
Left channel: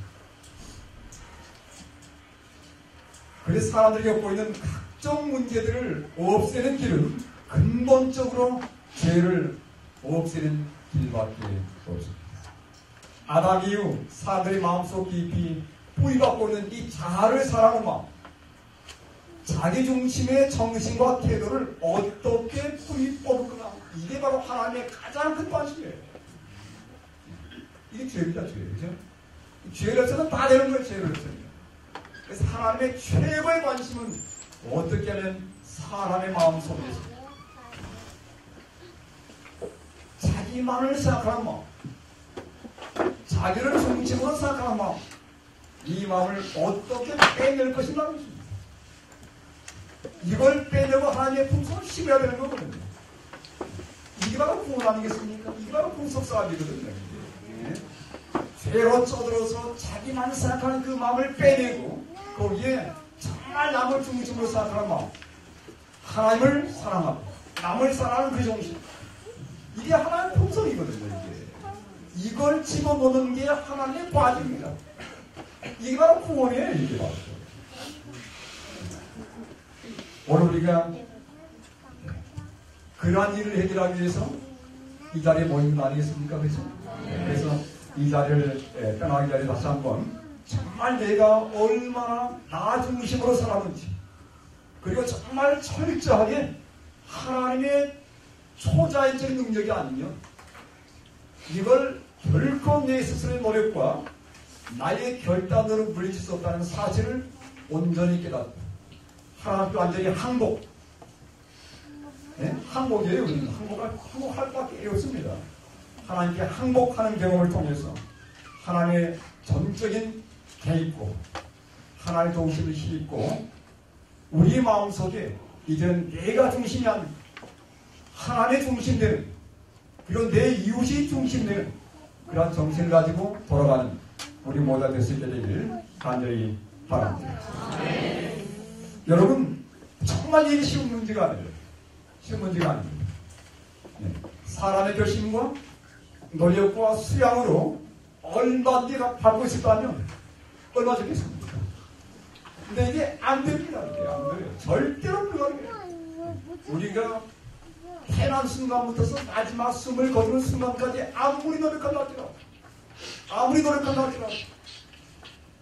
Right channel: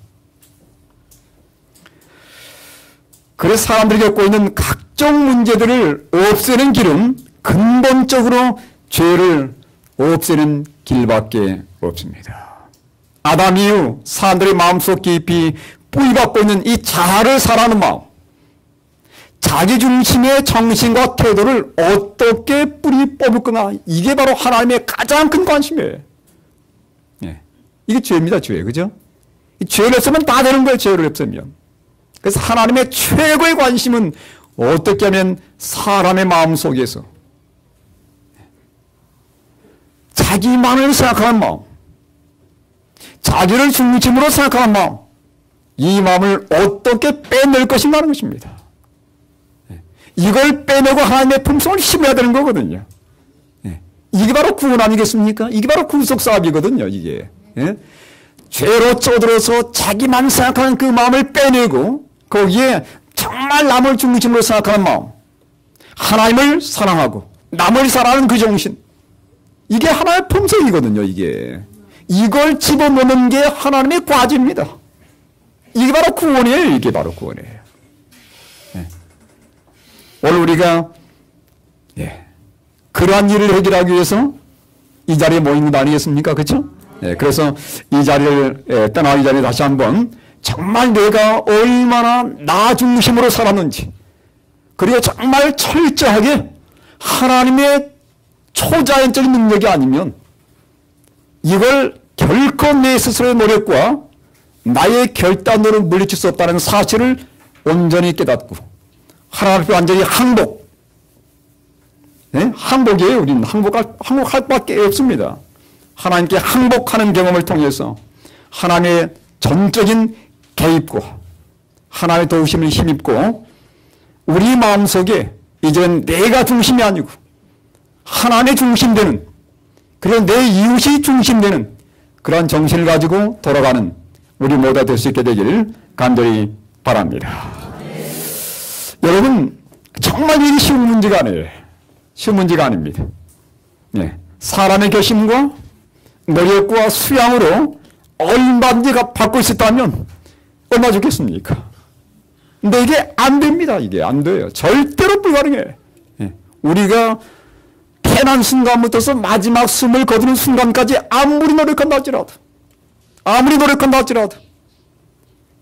그래서 사람들이 겪고 있는 각종 문제들을 없애는 길은 근본적으로 죄를 없애는 길밖에 없습니다. 아담 이후 사람들의 마음속 깊이 뿌리박고 있는 이 자아를 사랑하는 마음, 자기중심의 정신과 태도를 어떻게 뿌리 뽑을 거나, 이게 바로 하나님의 가장 큰 관심이에요. 예. 이게 죄입니다, 죄. 그죠? 죄를 없애면 다 되는 거예요, 죄를 없애면. 그래서 하나님의 최고의 관심은 어떻게 하면 사람의 마음 속에서 자기만을 생각하는 마음, 자기를 중심으로 생각하는 마음, 이 마음을 어떻게 빼낼 것인가 하는 것입니다. 이걸 빼내고 하나님의 품성을 힘해야 되는 거거든요. 이게 바로 구원 아니겠습니까? 이게 바로 구속사업이거든요, 이게. 죄로 쪼들어서 자기만 생각하는 그 마음을 빼내고 거기에 정말 남을 중심으로 생각하는 마음, 하나님을 사랑하고 남을 사랑하는 그 정신, 이게 하나의 품성이거든요, 이게. 이걸 집어넣는 게 하나님의 과제입니다. 이게 바로 구원이에요, 이게 바로 구원이에요. 오늘 우리가 그러한 일을 해결하기 위해서 이 자리에 모인 것 아니겠습니까? 그렇죠? 그래서 이 자리를 떠나기 전에 다시 한번 정말 내가 얼마나 나 중심으로 살았는지, 그리고 정말 철저하게 하나님의 초자연적인 능력이 아니면 이걸 결코 내 스스로의 노력과 나의 결단으로 물리칠 수 없다는 사실을 온전히 깨닫고 하나님 앞에 완전히 항복. 항복이에요. 우리는 항복할 밖에 없습니다. 하나님께 항복하는 경험을 통해서 하나님의 전적인 개입과 하나님의 도우심을 힘입고 우리 마음속에 이제는 내가 중심이 아니고 하나님의 중심되는, 그리고 내 이웃이 중심되는 그러한 정신을 가지고 돌아가는 우리 모두가 될 수 있게 되기를 간절히 바랍니다. 여러분, 정말 이게 쉬운 문제가 아니에요. 쉬운 문제가 아닙니다. 사람의 결심과 노력과 수양으로 얼마든지 받고 있었다면 얼마나 좋겠습니까? 근데 이게 안 됩니다. 이게 안 돼요. 절대로 불가능해요. 우리가 태어난 순간부터서 마지막 숨을 거두는 순간까지 아무리 노력한다 할지라도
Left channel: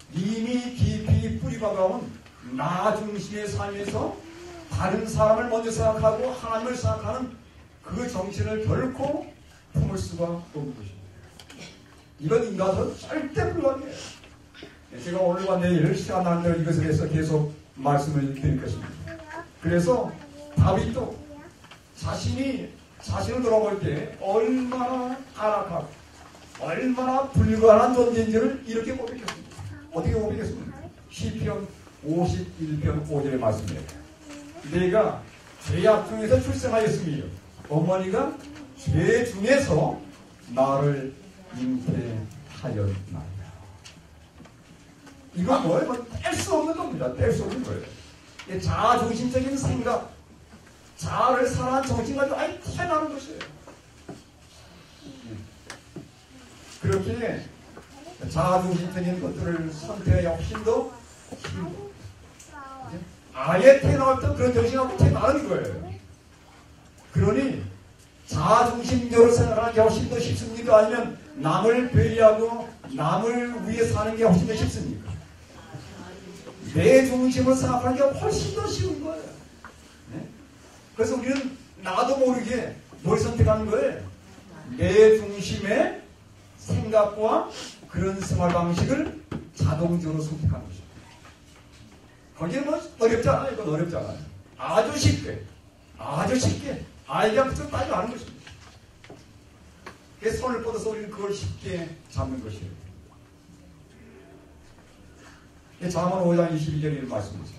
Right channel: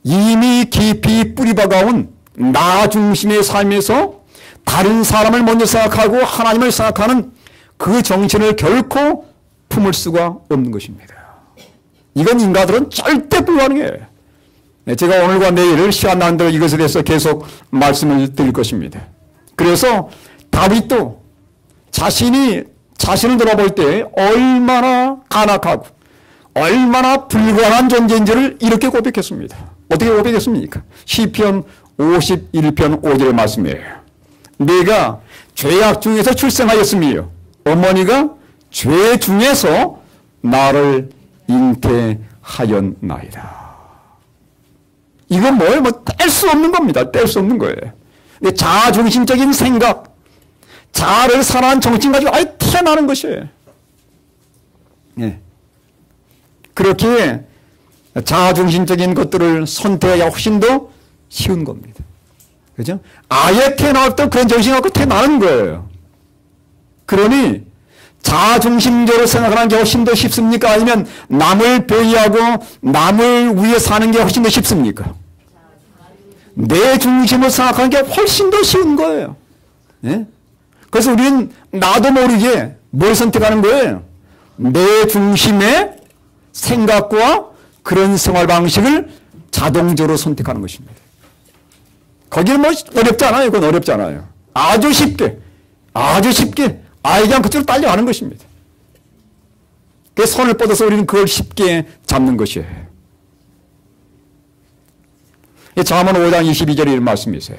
이미 깊이 뿌리박아온 나 중심의 삶에서 다른 사람을 먼저 생각하고 하나님을 생각하는 그 정신을 결코 품을 수가 없는 것입니다. 이건 인간들은 절대 불가능해요. 제가 오늘과 내일 시간 나는 대로 이것에 대해서 계속 말씀을 드릴 것입니다. 그래서 다윗도 자신을 돌아볼 때 얼마나 간악하고 얼마나 불과한 존재인지를 이렇게 고백했습니다. 어떻게 고백했습니까? 시편 51편 5절 말씀이에요. 내가 죄악 중에서 출생하였으며 어머니가 죄 중에서 나를 잉태하였나이다. 이건 뭐예요? 뗄 수 없는 겁니다. 뗄 수 없는 거예요. 자아중심적인 생각, 자아를 사랑하는 정신 가지고 아예 태어나는 것이에요. 예. 그렇게 자아중심적인 것들을 선택하기 훨씬 더 쉬운 겁니다. 그죠? 아예 태어날 때 그런 정신 갖고 태어나는 거예요. 그러니 자아중심적으로 생각하는 게 훨씬 더 쉽습니까? 아니면 남을 배려하고 남을 위해 사는 게 훨씬 더 쉽습니까? 내 중심을 생각하는 게 훨씬 더 쉬운 거예요. 예? 그래서 우리는 나도 모르게 뭘 선택하는 거예요? 내 중심의 생각과 그런 생활 방식을 자동적으로 선택하는 것입니다. 거기는 뭐 어렵지 않아요. 그건 어렵지 않아요. 아주 쉽게 아이랑 그쪽으로 딸려가는 것입니다. 그 손을 뻗어서 우리는 그걸 쉽게 잡는 것이에요. 잠언 5장 22절에 이런 말씀이 있어요.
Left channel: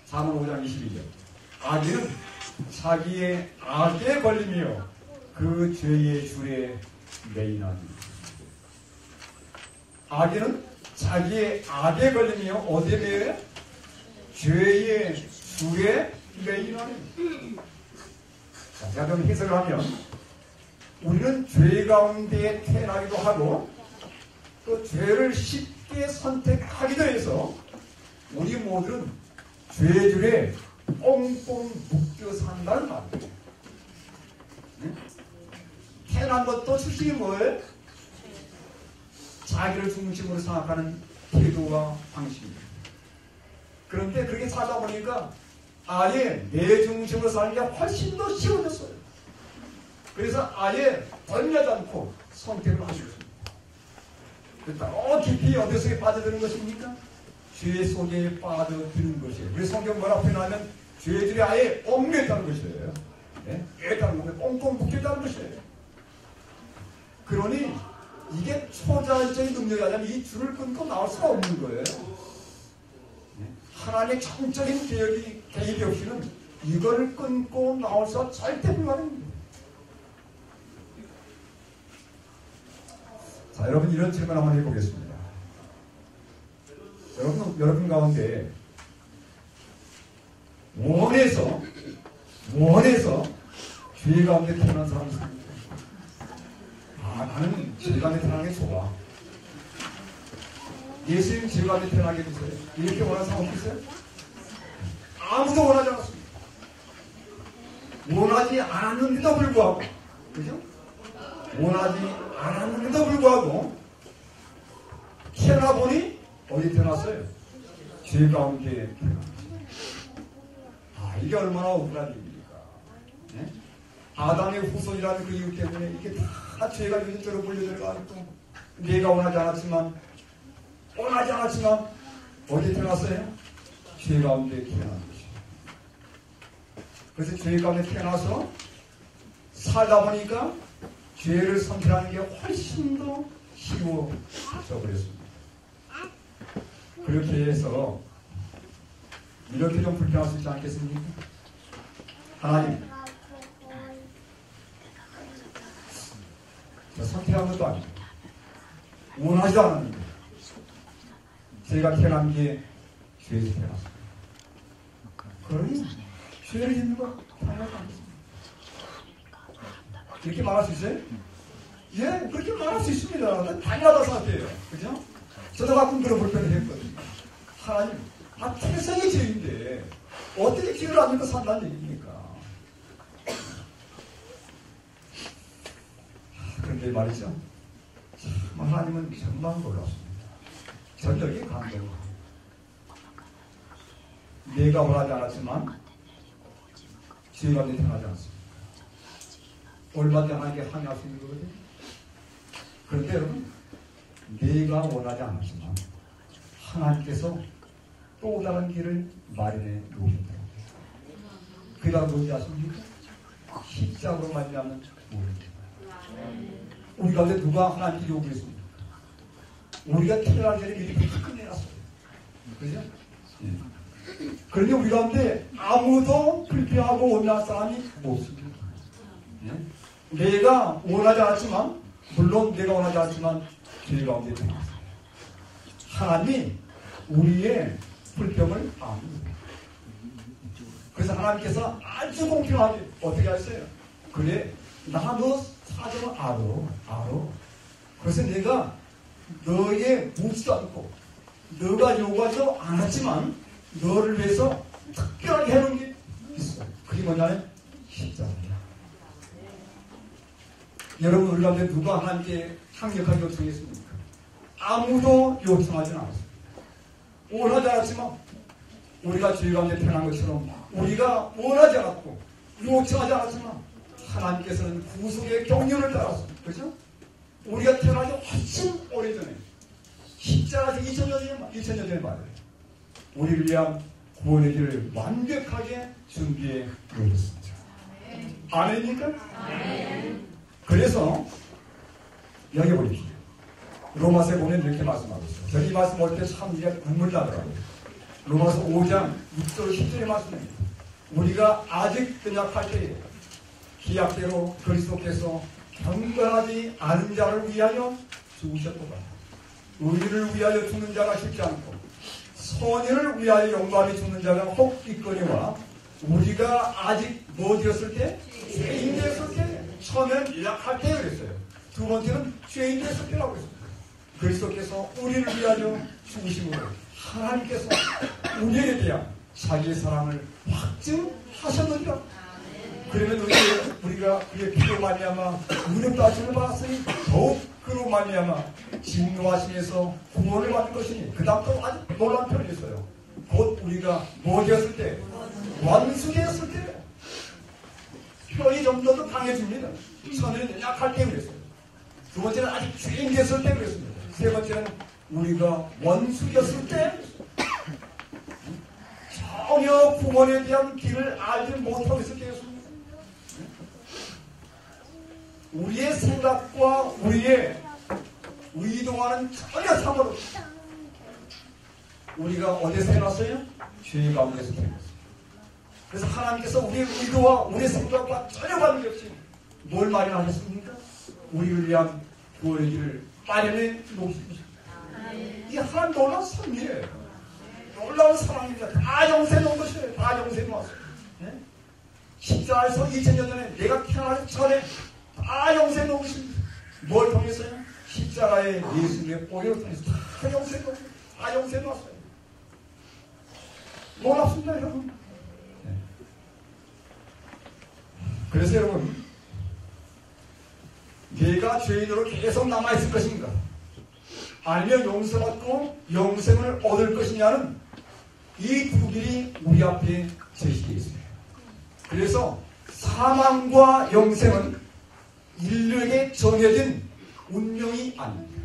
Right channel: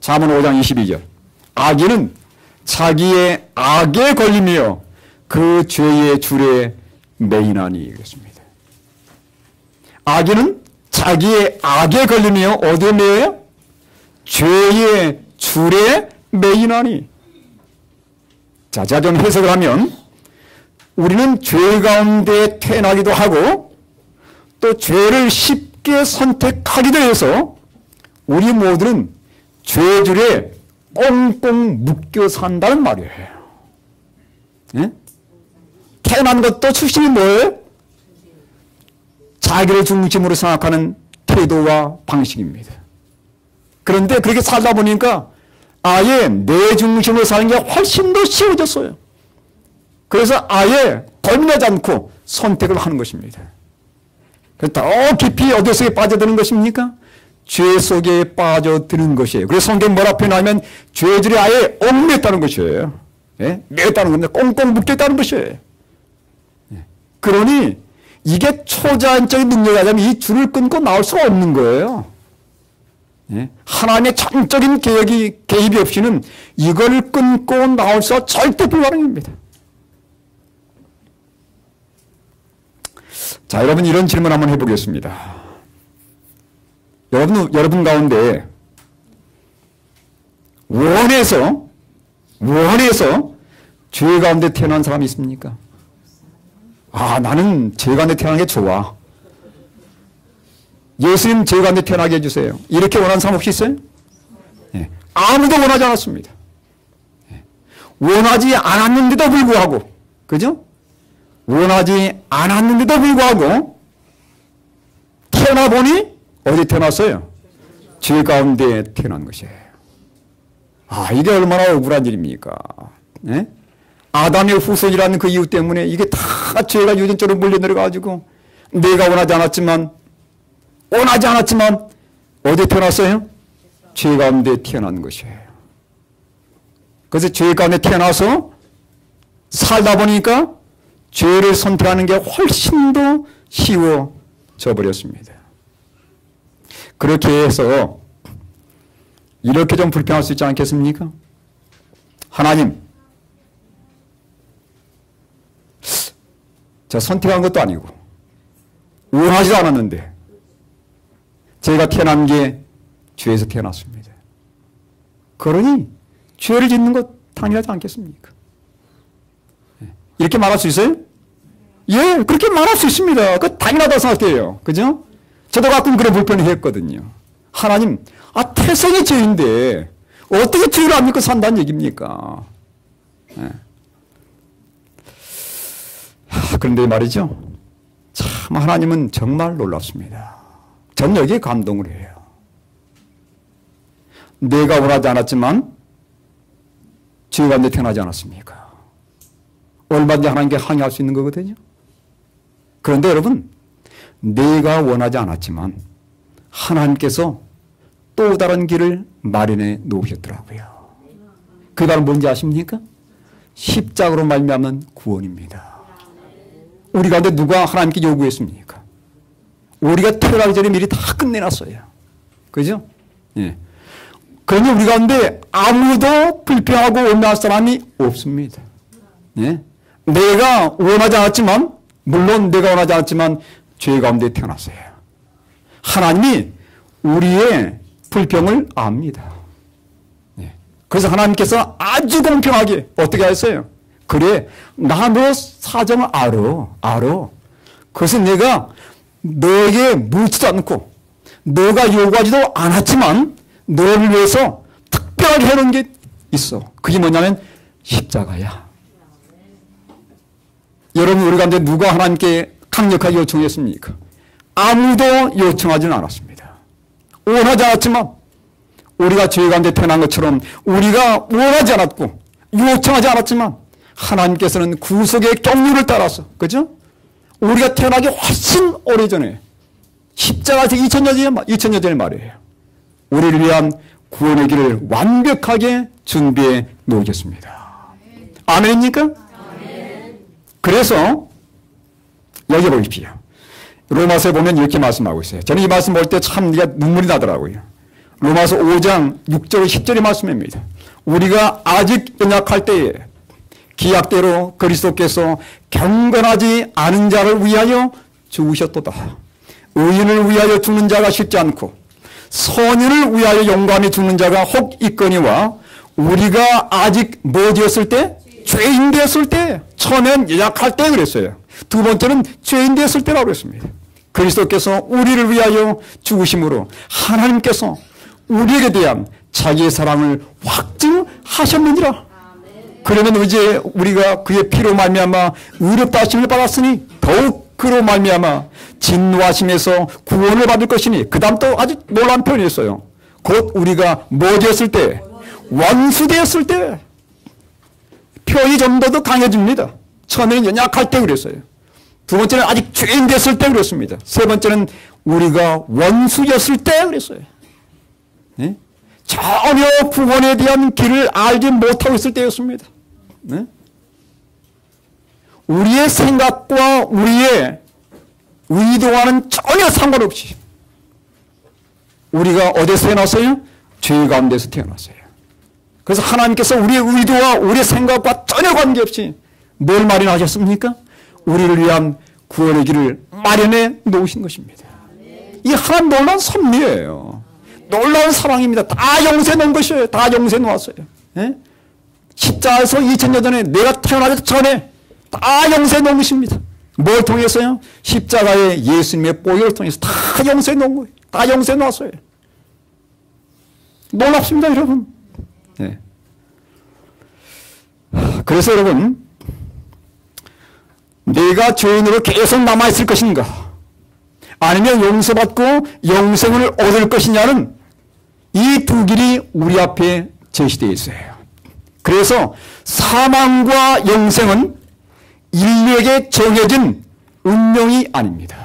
잠언 5장 22절. 악인은 자기의 악에 걸리며 그 죄의 줄에 매이나니. 그렇습니다. 악인은 자기의 악에 걸리며 어디에 매여요? 죄의 줄에 매이나니. 자, 제가 좀 해석을 하면 우리는 죄 가운데 태어나기도 하고 또 죄를 쉽게 선택하기도 해서 우리 모두는 죄줄에 꽁꽁 묶여 산다는 말이에요. 네? 태어난 것도 출신이 뭐예요? 자기를 중심으로 생각하는 태도와 방식입니다. 그런데 그렇게 살다 보니까 아예 내 중심으로 사는 게 훨씬 더 쉬워졌어요. 그래서 아예 고민하지 않고 선택을 하는 것입니다. 더 깊이 어디 속에 빠져드는 것입니까? 죄 속에 빠져드는 것이에요. 그래서 성경 뭐라 표현하면 죄들이 아예 얽매였다는 것이에요. 예? 매였다는 겁니다. 꽁꽁 묶였다는 것이에요. 그러니 이게 초자연적인 능력이 아니면 이 줄을 끊고 나올 수가 없는 거예요. 예? 하나님의 전적인 개입이 없이는 이걸 끊고 나올 수가 절대 불가능합니다. 자, 여러분 이런 질문 한번 해보겠습니다. 여러분 가운데 원해서 죄 가운데 태어난 사람이 있습니까? 아, 나는 죄 가운데 태어난 게 좋아. 예수님 죄 가운데 태어나게 해주세요. 이렇게 원하는 사람 혹시 있어요? 네. 아무도 원하지 않았습니다. 원하지 않았는데도 불구하고, 그죠? 원하지 않았는데도 불구하고 태어나 보니 어디 태어났어요? 죄 가운데 태어난 것이에요. 아, 이게 얼마나 억울한 일입니까? 네? 아담의 후손이라는 그 이유 때문에 이게 다 죄가 유전적으로 물려내려가지고 내가 원하지 않았지만 어디 태어났어요? 죄 가운데 태어난 것이에요. 그래서 죄 가운데 태어나서 살다 보니까 죄를 선택하는 게 훨씬 더 쉬워져 버렸습니다. 그렇게 해서 이렇게 좀 불평할 수 있지 않겠습니까? 하나님, 저 선택한 것도 아니고 원하지도 않았는데 제가 태어난 게 죄에서 태어났습니다. 그러니 죄를 짓는 것 당연하지 않겠습니까? 이렇게 말할 수 있어요? 예, 그렇게 말할 수 있습니다. 그 당연하다고 생각해요. 그죠? 저도 가끔 그런 불편을 했거든요. 하나님, 태생의 죄인데 어떻게 죄를 안 믿고 산다는 얘기입니까? 예. 그런데 말이죠. 참 하나님은 정말 놀랍습니다. 전 여기에 감동을 해요. 내가 원하지 않았지만 죄 가운데 태어나지 않았습니까? 얼마든지 하나님께 항의할 수 있는 거거든요. 그런데 여러분, 내가 원하지 않았지만 하나님께서 또 다른 길을 마련해 놓으셨더라고요. 그 말은 뭔지 아십니까? 십자가로 말미암은 구원입니다. 우리 가운데 누가 하나님께 요구했습니까? 우리가 태어나기 전에 미리 다 끝내놨어요. 그죠? 예. 그러니 우리 가운데 아무도 불평하고 원망할 사람이 없습니다. 예? 내가 원하지 않았지만, 물론 내가 원하지 않았지만 죄 가운데 태어났어요. 하나님이 우리의 불평을 압니다. 예. 그래서 하나님께서 아주 공평하게 어떻게 하셨어요? 그래, 나 너 사정을 알아. 그래서 내가 너에게 묻지도 않고 너가 요구하지도 않았지만 너를 위해서 특별하게 해놓은 게 있어. 그게 뭐냐면 십자가야. 여러분, 우리 가운데 누가 하나님께 강력하게 요청했습니까? 아무도 요청하지는 않았습니다. 원하지 않았지만 우리가 죄 가운데 태어난 것처럼 우리가 원하지 않았고 요청하지 않았지만 하나님께서는 구속의 경륜을 따라서, 그죠? 우리가 태어나기 훨씬 오래전에 십자가에서 2000년 전의 말이에요. 우리를 위한 구원의 길을 완벽하게 준비해 놓으셨습니다. 아멘입니까? 아멘. 그래서 여기 보십시오. 로마서에 보면 이렇게 말씀하고 있어요. 저는 이 말씀 볼 때 참 눈물이 나더라고요. 로마서 5장 6절 10절의 말씀입니다. 우리가 아직 연약할 때에 기약대로 그리스도께서 경건하지 않은 자를 위하여 죽으셨도다. 의인을 위하여 죽는 자가 쉽지 않고 선인을 위하여 용감히 죽는 자가 혹 있거니와 우리가 아직 뭐 되었을 때? 죄인 되었을 때. 처음엔 연약할 때 그랬어요. 두 번째는 죄인 되었을 때라고 그랬습니다. 그리스도께서 우리를 위하여 죽으심으로 하나님께서 우리에게 대한 자기의 사랑을 확증하셨느니라. 그러면 이제 우리가 그의 피로 말미암아 의롭다 하심을 받았으니 더욱 그로 말미암아 진노하심에서 구원을 받을 것이니, 그 다음 또 아주 놀라운 표현이 있어요. 곧 우리가 뭐 되었을 때? 원수 되었을 때. 표현이 좀 더 강해집니다. 처음에는 연약할 때 그랬어요. 두 번째는 아직 죄인 됐을 때 그랬습니다. 세 번째는 우리가 원수였을 때 그랬어요. 네? 전혀 구원에 대한 길을 알지 못하고 있을 때였습니다. 네? 우리의 생각과 우리의 의도와는 전혀 상관없이 우리가 어디서 태어났어요? 죄 가운데서 태어났어요. 그래서 하나님께서 우리의 의도와 우리의 생각과 전혀 관계없이 뭘 마련하셨습니까? 우리를 위한 구원의 길을 마련해 놓으신 것입니다. 이 하나님 놀라운 섭리예요. 놀라운 사랑입니다. 다 용서해 놓은 것이에요. 다 용서해 놓았어요. 네? 십자가에서 2000년 전에 내가 태어나기 전에 다 용서해 놓은 것입니다. 뭘 통해서요? 십자가의 예수님의 보혈을 통해서 다 용서해 놓은 거예요. 다 용서해 놓았어요. 놀랍습니다, 여러분. 네. 그래서 여러분, 내가 죄인으로 계속 남아있을 것인가, 아니면 용서받고 영생을 얻을 것이냐는 이 두 길이 우리 앞에 제시되어 있어요. 그래서 사망과 영생은 인류에게 정해진 운명이 아닙니다.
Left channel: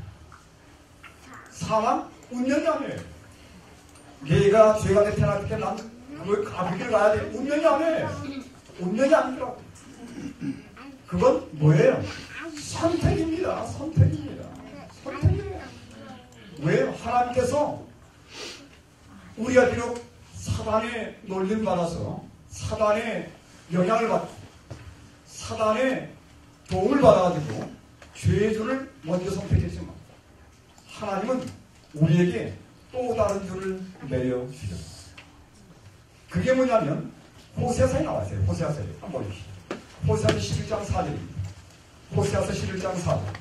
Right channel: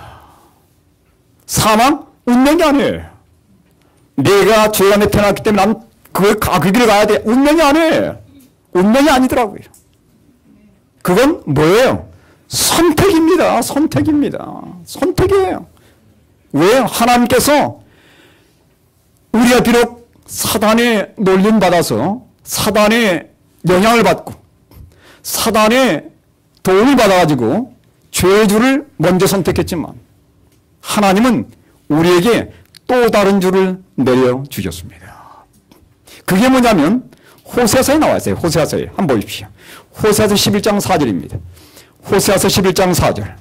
사망? 운명이 아니에요. 내가 죄 안에 태어났기 때문에 난 그 길을 가야 돼. 운명이 아니에요. 운명이 아니더라고요. 그건 뭐예요? 선택입니다. 선택입니다. 선택이에요. 왜? 하나님께서 우리가 비록 사단의 놀림받아서 사단의 영향을 받고 사단의 도움을 받아가지고 죄주를 먼저 선택했지만 하나님은 우리에게 또 다른 줄을 내려주셨습니다. 그게 뭐냐면 호세아서에 나와 있어요. 호세아서에 한번 보십시오. 호세아서 11장 4절입니다. 호세아서 11장 4절.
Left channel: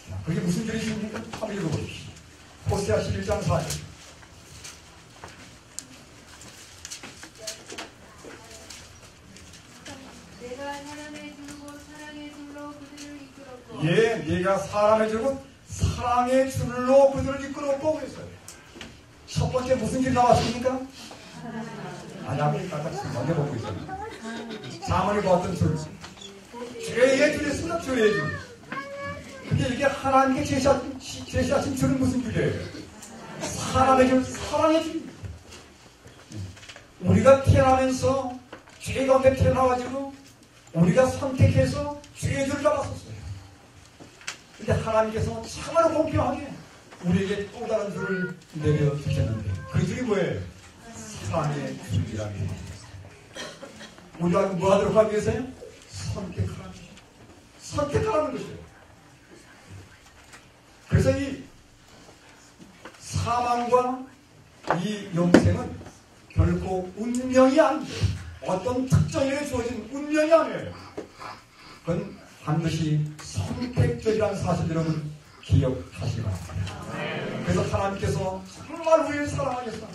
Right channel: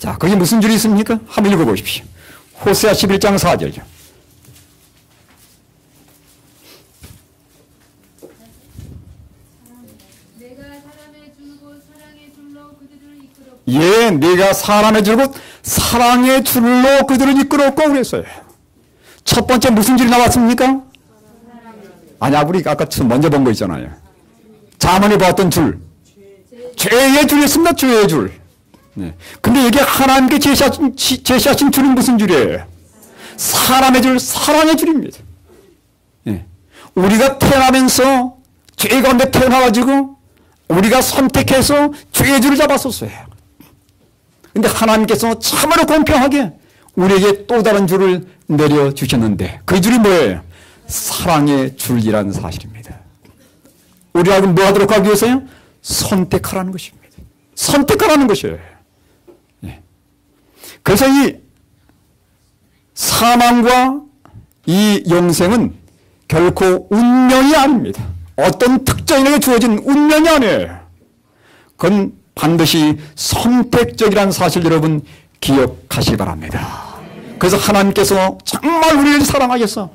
자, 거기 무슨 줄이 있습니까? 한번 읽어보십시오. 호세아 11장 4절. 예, 네가 사람의 줄곧 사랑의 줄로 그들을 이끌었고 그랬어요. 첫 번째 무슨 줄이 나왔습니까? 아니, 우리 아까 먼저 본 거 있잖아요. 자문에 보았던 줄. 죄의 줄이 있습니다. 죄의 줄. 네. 근데 이게 하나님께 제시하신 줄은 무슨 줄이에요? 사람의 줄, 사랑의 줄입니다. 네. 우리가 태어나면서 죄 가운데 태어나가지고 우리가 선택해서 죄의 줄을 잡았었어요. 근데 하나님께서 참으로 공평하게 우리에게 또 다른 줄을 내려주셨는데 그 줄이 뭐예요? 사랑의 줄이라는 사실입니다. 우리가 뭐 하도록 하기 위해서요? 선택하라는 것입니다. 선택하라는 것이에요. 네. 그래서 이 사망과 이 영생은 결코 운명이 아닙니다. 어떤 특정인에게 주어진 운명이 아니에요. 그건 반드시 선택적이라는 사실 여러분 기억하시기 바랍니다. 그래서 하나님께서 정말 우리를 사랑하셔서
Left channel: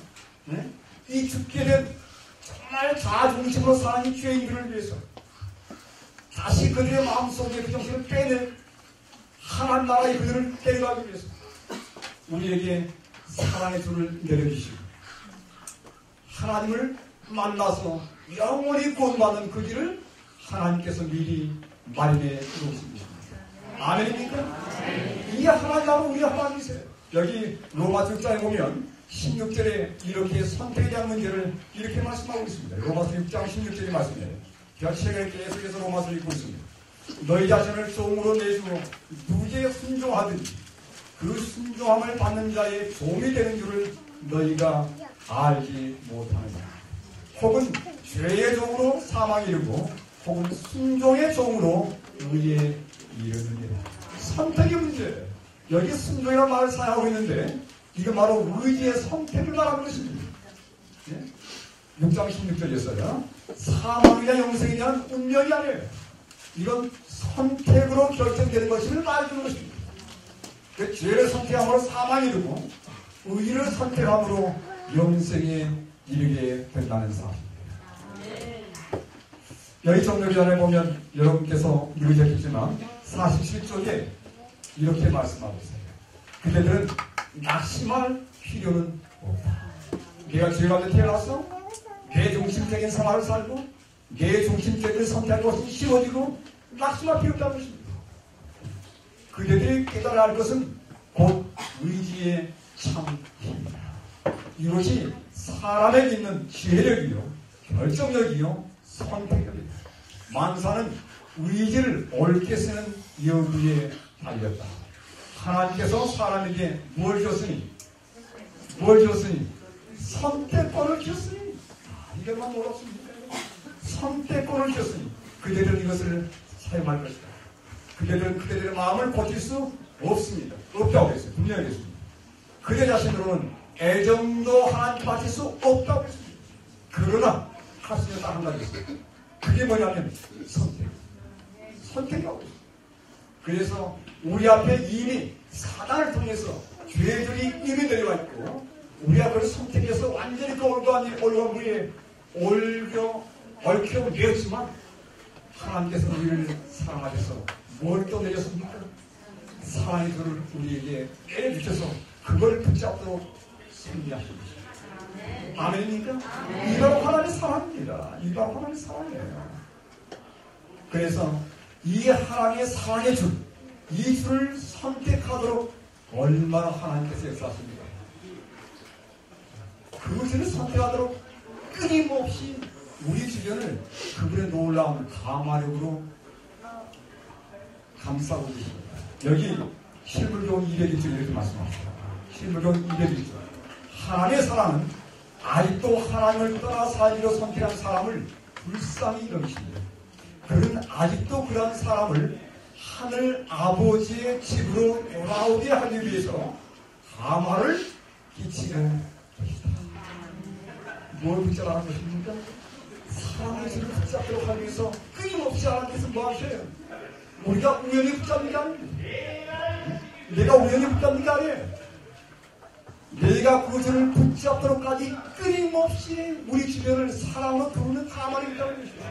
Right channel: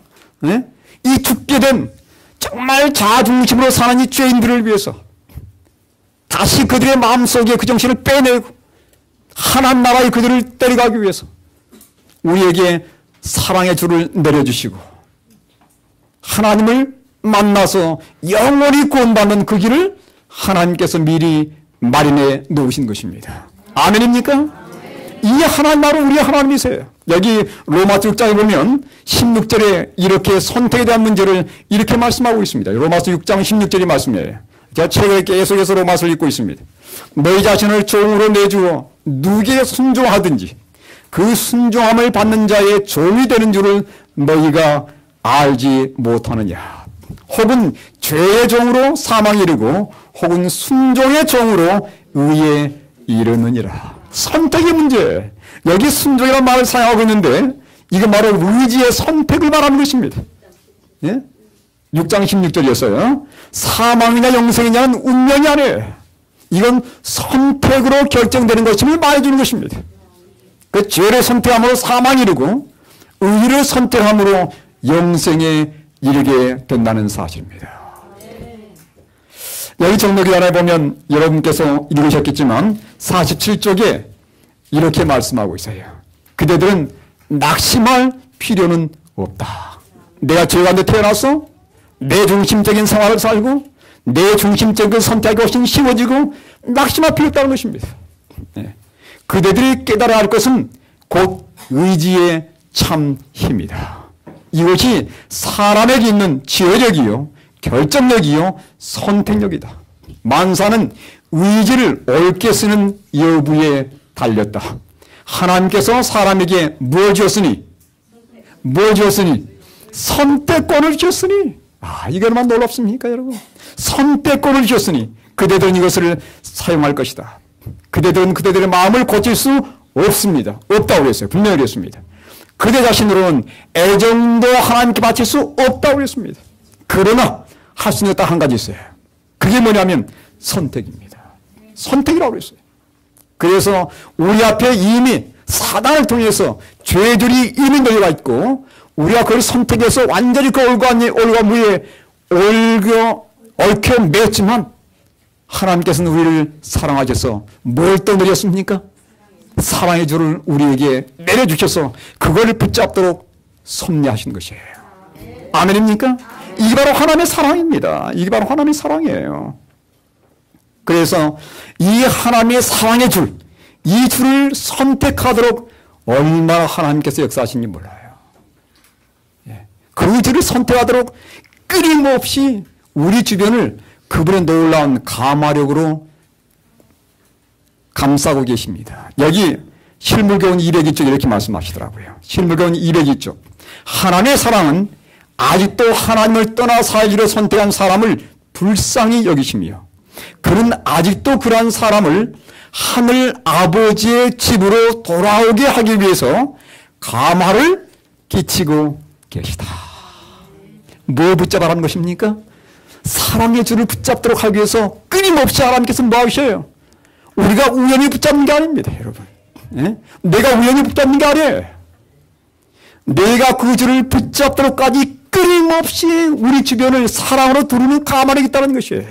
이 죽게 된 정말 자중심으로 사는 이 죄인들을 위해서 다시 그들의 마음속에 그 정신을 빼내고 하나님 나라에 그들을 데려가기 위해서 우리에게 사랑의 줄을 내려주시고 하나님을 만나서 영원히 구원받는 그 길을 하나님께서 미리 마련해 놓으신 것입니다. 아멘입니까? 이 하나님 바로 우리 하나님이세요. 여기 로마서 6장에 보면 16절에 이렇게 선택에 대한 문제를 이렇게 말씀하고 있습니다. 로마서 6장 16절이 말씀이에요. 제가 최근에 계속해서 로마서를 읽고 있습니다. 너희 자신을 종으로 내주어 누구에게 순종하든지 그 순종함을 받는 자의 종이 되는 줄을 너희가 알지 못하느냐. 혹은 죄의 종으로 사망에 이르고 혹은 순종의 종으로 의에 이르느니라. 선택의 문제. 여기 순종이라는 말을 사용하고 있는데 이건 바로 의지의 선택을 말하는 것입니다. 예? 6장 16절이었어요. 사망이냐 영생이냐는 운명이 아니에요. 이건 선택으로 결정되는 것임을 말해주는 것입니다. 그 죄를 선택함으로 사망이 이르고 의를 선택함으로 영생에 이르게 된다는 사실입니다. 여기 정독기관에 보면 여러분께서 읽으셨겠지만 47쪽에 이렇게 말씀하고 있어요. 그대들은 낙심할 필요는 없다. 내가 죄 가운데 태어나서 내 중심적인 생활을 살고 내 중심적인 선택이 훨씬 쉬워지고 낙심할 필요 없다는 것입니다. 네. 그대들이 깨달아야 할 것은 곧 의지의 참 힘이다. 이것이 사람에게 있는 지혜력이요 결정력이요 선택력이다. 만사는 의지를 옳게 쓰는 여부에 달렸다. 하나님께서 사람에게 무엇을 주었으니 선택권을 주셨으니 이게 얼마나 놀랍습니까 여러분. 선택권을 주셨으니 그대들은 이것을 사용할 것이다. 그대들은 그대들의 마음을 고칠 수 없습니다. 없다고 그랬어요. 분명히 그랬습니다. 그대 자신으로는 애정도 하나님께 바칠 수 없다고 그랬습니다. 그러나 할 수 있는 딱 한 가지 있어요. 그게 뭐냐면 선택입니다. 선택이라고 그랬어요. 그래서 우리 앞에 이미 사단을 통해서 죄들이 이미 널려가 있고 우리가 그걸 선택해서 완전히 그 올과 무에 얽혀 맸지만 하나님께서는 우리를 사랑하셔서 뭘 또 내렸습니까? 사랑의 줄을 우리에게 내려주셔서 그걸 붙잡도록 섭리하신 것이에요. 아멘입니까? 이게 바로 하나님의 사랑입니다. 이게 바로 하나님의 사랑이에요. 그래서 이 하나님의 사랑의 줄, 이 줄을 선택하도록 얼마나 하나님께서 역사하신지 몰라요. 그 줄을 선택하도록 끊임없이 우리 주변을 그분의 놀라운 감화력으로 감싸고 계십니다. 여기 실물교훈 202쪽 이렇게 말씀하시더라고요. 실물교훈 202쪽. 하나님의 사랑은 아직도 하나님을 떠나 살기로 선택한 사람을 불쌍히 여기시며 그는 아직도 그러한 사람을 하늘 아버지의 집으로 돌아오게 하기 위해서 감화를 끼치고 계시다. 뭐 붙잡아라는 것입니까? 사랑의 줄을 붙잡도록 하기 위해서 끊임없이 하나님께서 뭐 하셔요? 우리가 우연히 붙잡는 게 아닙니다, 여러분. 네? 내가 우연히 붙잡는 게 아니에요. 내가 그 줄을 붙잡도록까지 끊임없이 우리 주변을 사랑으로 두르는 감화력이 있다는 것이에요.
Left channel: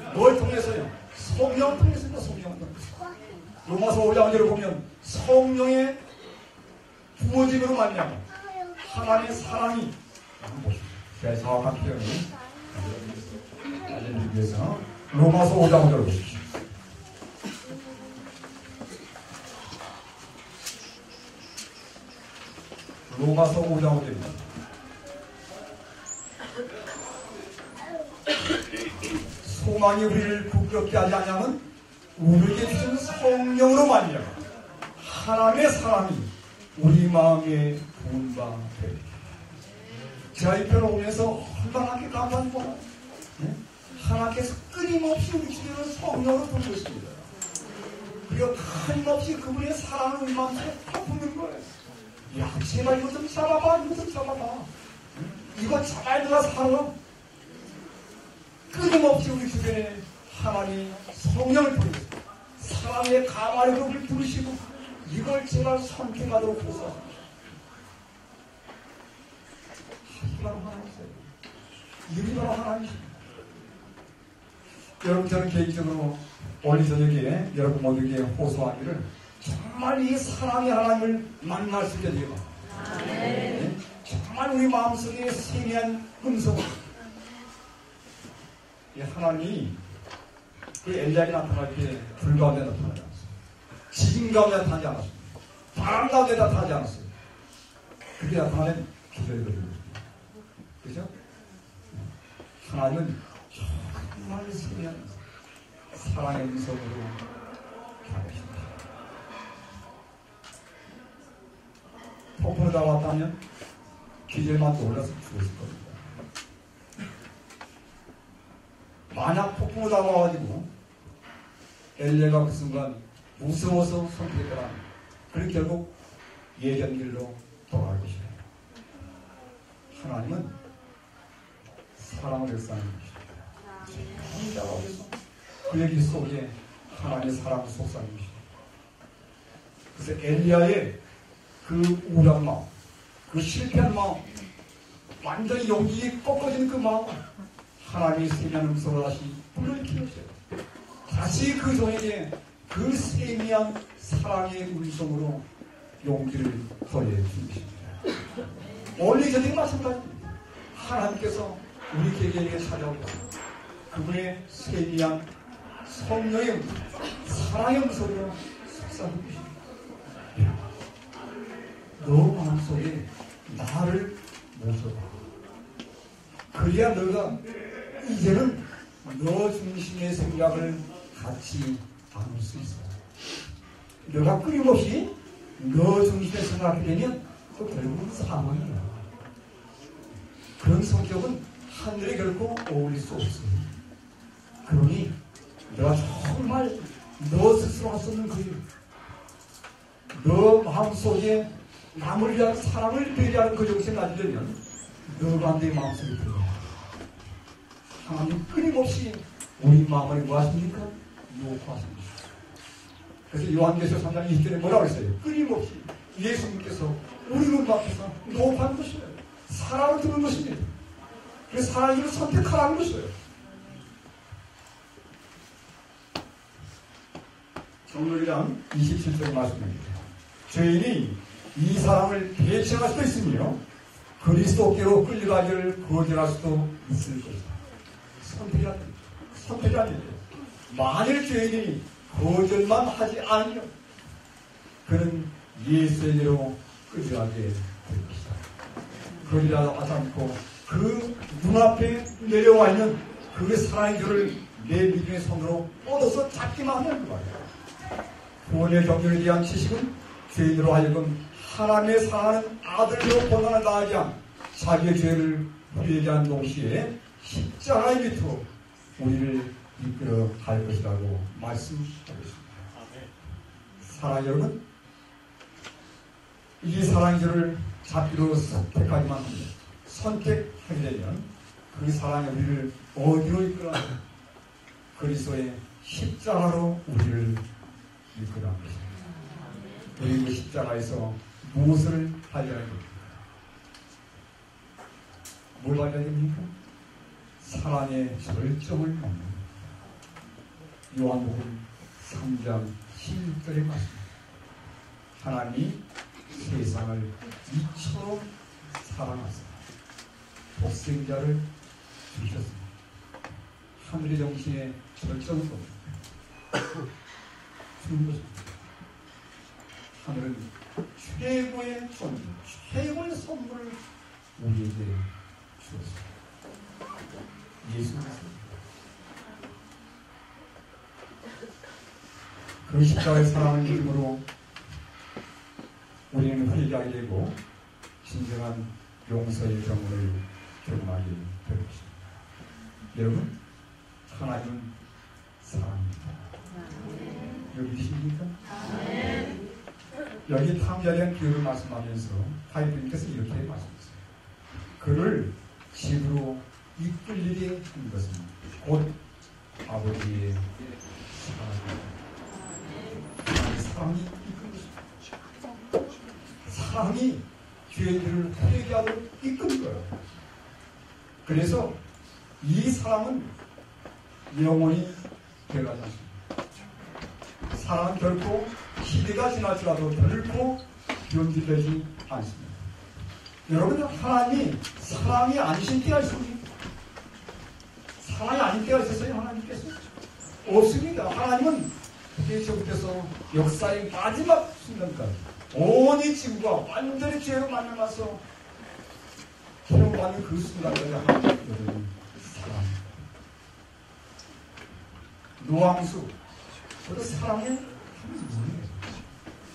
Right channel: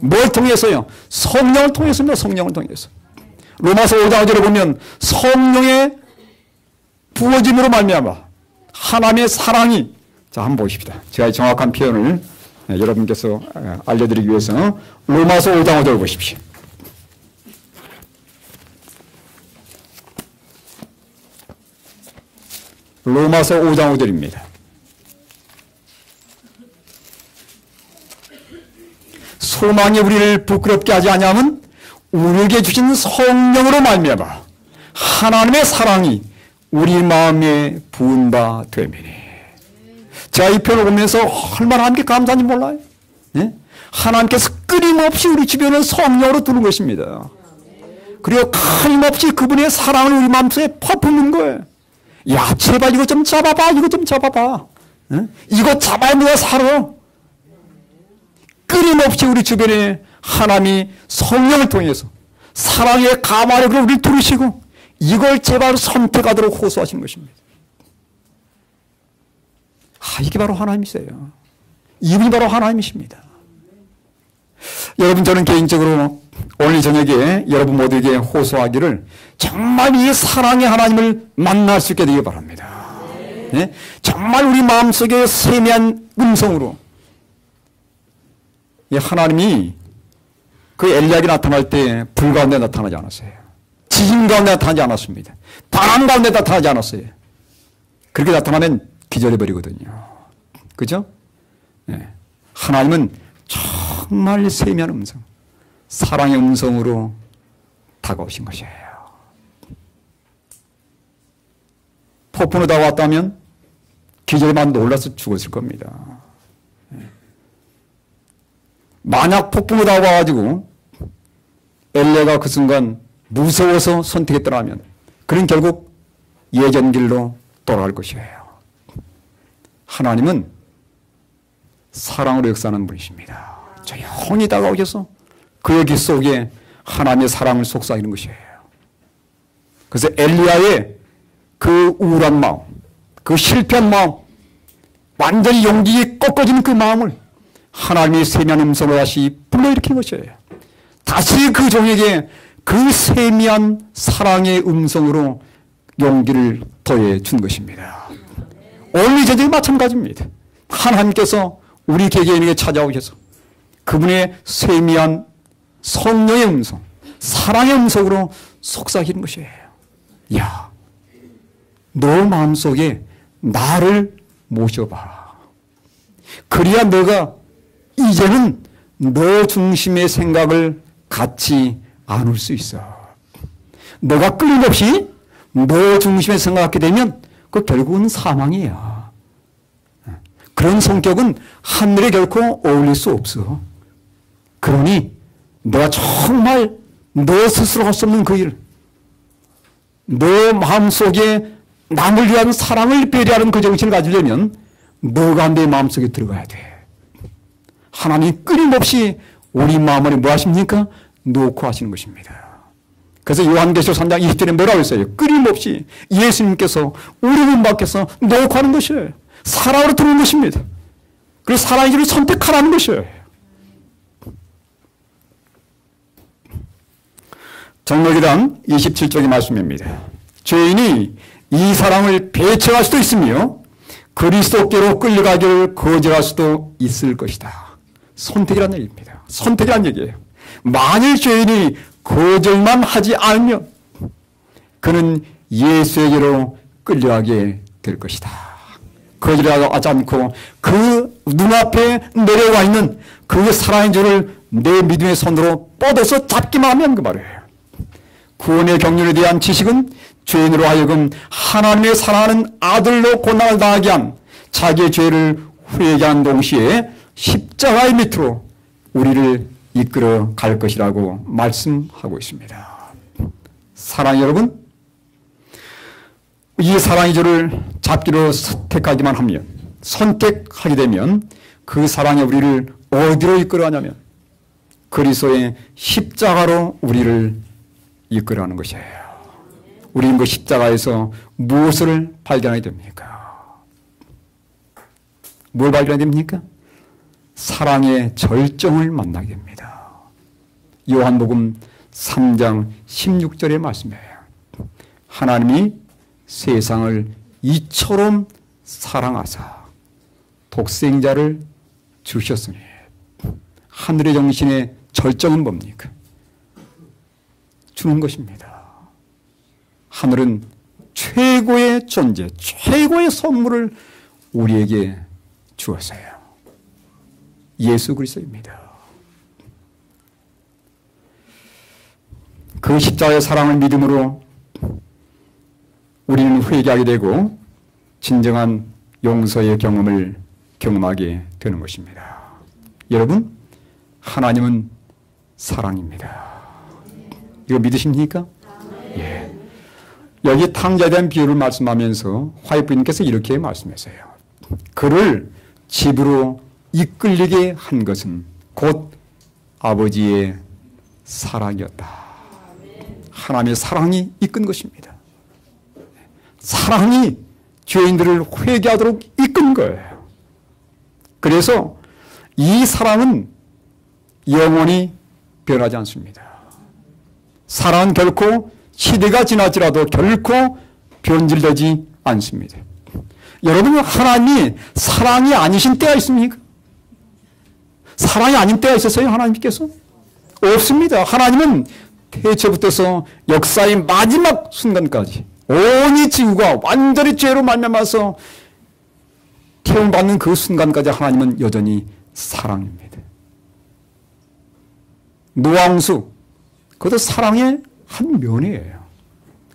뭘 통해서요? 성령을 통해서입니다. 성령을 통해서. 로마서 5장 5절에 보면 성령의 부어짐으로 말미암아 하나님의 사랑이 자 한번 보십시다. 제가 정확한 표현을 여러분께서 알려드리기 위해서 로마서 5장 5절 보십시오. 로마서 5장 5절입니다. 소망이 우리를 부끄럽게 하지 아니하면 우리에게 주신 성령으로 말미암아 하나님의 사랑이 우리 마음에 부은 바 되매니. 제가 이 표를 보면서 얼마나 하나님께 감사한지 몰라요. 예? 하나님께서 끊임없이 우리 주변을 성령으로 두는 것입니다. 그리고 끊임없이 그분의 사랑을 우리 마음속에 퍼붓는 거예요. 야, 제발 이거 좀 잡아봐. 이거 좀 잡아봐. 이거 잡아야 내가 살아. 끊임없이 우리 주변에 하나님이 성령을 통해서 사랑의 가마력으로 우리를 두르시고 이걸 제발 선택하도록 호소하신 것입니다. 이게 바로 하나님이세요. 이분이 바로 하나님이십니다. 여러분, 저는 개인적으로 오늘 저녁에 여러분 모두에게 호소하기를 정말 이 사랑의 하나님을 만날 수 있게 되기 바랍니다. 네? 정말 우리 마음속에 세미한 음성으로 이 하나님이 그 엘리야에게 나타날 때 불 가운데 나타나지 않았어요. 지진 가운데 나타나지 않았습니다. 바람 가운데 나타나지 않았어요. 그렇게 나타나면 기절해버리거든요. 그죠? 네. 하나님은 정말 세미한 음성, 사랑의 음성으로 다가오신 것이에요. 폭풍으로 다가왔다면 기절에만 놀라서 죽었을 겁니다. 만약 폭풍으로 다가와가지고 엘리야가 그 순간 무서워서 선택했더라면 그는 결국 예전 길로 돌아갈 것이에요. 하나님은 사랑으로 역사하는 분이십니다. 조용히 다가오셔서 그의 길 속에 하나님의 사랑을 속삭이는 것이에요. 그래서 엘리야의 그 우울한 마음, 그 실패한 마음, 완전히 용기가 꺾어지는 그 마음을 하나님의 세미한 음성으로 다시 불러일으키는 것이에요. 다시 그 종에게 그 세미한 사랑의 음성으로 용기를 더해 준 것입니다. 오늘 저녁에 마찬가지입니다. 하나님께서 우리 개개인에게 찾아오셔서 그분의 세미한 성령의 음성, 사랑의 음성으로 속삭이는 것이에요. 야, 너 마음속에 나를 모셔봐. 그래야 너가 이제는 너 중심의 생각을 갖지 않을 수 있어. 너가 끊임없이 너 중심의 생각을 갖게 되면 그 결국은 사망이야. 그런 성격은 하늘에 결코 어울릴 수 없어. 그러니 너가 정말 너 스스로 할 수 없는 그 일, 너 마음속에 남을 위한 사랑을 배려하는 그 정신을 가지려면 너가 내 마음속에 들어가야 돼. 하나님이 끊임없이 우리 마음을 뭐 하십니까? 놓고 하시는 것입니다. 그래서 요한계시록 3장 20절에 뭐라고 했어요? 끊임없이 예수님께서 우리 문 밖에서 놓고 하는 것이에요. 사랑으로 들어오는 것입니다. 그래서 사랑의 길을 선택하라는 것이에요. 정록이랑 27쪽의 말씀입니다. 죄인이 이 사랑을 배척할 수도 있으며 그리스도께로 끌려가기를 거절할 수도 있을 것이다. 선택이라는 얘기입니다. 선택이라는 얘기예요. 만일 죄인이 거절만 하지 않으면 그는 예수에게로 끌려가게 될 것이다. 거절하지 않고 그 눈앞에 내려와 있는 그 사랑의 줄을 내 믿음의 손으로 뻗어서 잡기만 하면 그 말이에요. 구원의 경륜에 대한 지식은 죄인으로 하여금 하나님의 사랑하는 아들로 고난을 당하게 한 자기의 죄를 회개한 동시에 십자가의 밑으로 우리를 이끌어 갈 것이라고 말씀하고 있습니다. 사랑 여러분, 이 사랑의 줄을 잡기로 선택하기만 하면, 선택하게 되면 그 사랑이 우리를 어디로 이끌어가냐면 그리스도의 십자가로 우리를 이끌어가는 것이에요. 우리는 그 십자가에서 무엇을 발견하게 됩니까? 뭘 발견하게 됩니까? 사랑의 절정을 만나게 됩니다. 요한복음 3장 16절의 말씀이에요. 하나님이 세상을 이처럼 사랑하사 독생자를 주셨으니 하늘의 정신의 절정은 뭡니까? 주는 것입니다. 하늘은 최고의 존재, 최고의 선물을 우리에게 주었어요. 예수 그리스도입니다. 그 십자가의 사랑을 믿음으로 우리는 회개하게 되고 진정한 용서의 경험을 경험하게 되는 것입니다. 여러분, 하나님은 사랑입니다. 이거 믿으십니까? 예. 여기 탕자에 대한 비유를 말씀하면서 화이트 부인께서 이렇게 말씀하세요. 그를 집으로 이끌리게 한 것은 곧 아버지의 사랑이었다. 하나님의 사랑이 이끈 것입니다. 사랑이 죄인들을 회개하도록 이끈 거예요. 그래서 이 사랑은 영원히 변하지 않습니다. 사랑은 결코 시대가 지났지라도 결코 변질되지 않습니다. 여러분, 하나님이 사랑이 아니신 때가 있습니까? 사랑이 아닌 때가 있었어요, 하나님께서? 없습니다. 하나님은 태초부터서 역사의 마지막 순간까지 온 이 지구가 완전히 죄로 말미암아서 태움받는 그 순간까지 하나님은 여전히 사랑입니다. 노왕수, 그것도 사랑의 한 면이에요.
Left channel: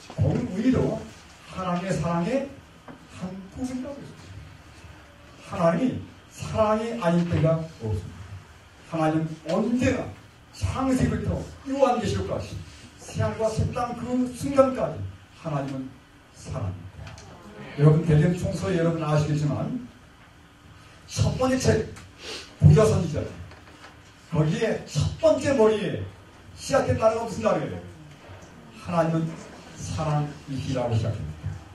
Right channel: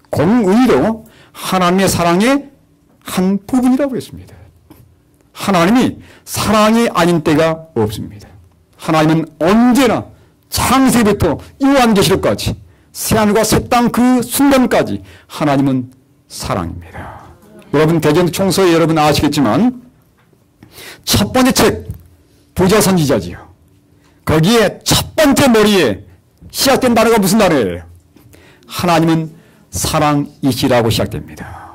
공의도 하나님의 사랑의 한 부분이라고 했습니다. 하나님이 사랑이 아닌 때가 없습니다. 하나님은 언제나 창세부터 요한계시록까지 새하늘과 새 땅 그 순간까지 하나님은 사랑입니다. 여러분, 대전총서에 여러분 아시겠지만 첫 번째 책 부자선지자지요. 거기에 첫 번째 머리에 시작된 단어가 무슨 단어예요? 하나님은 사랑이시라고 시작됩니다.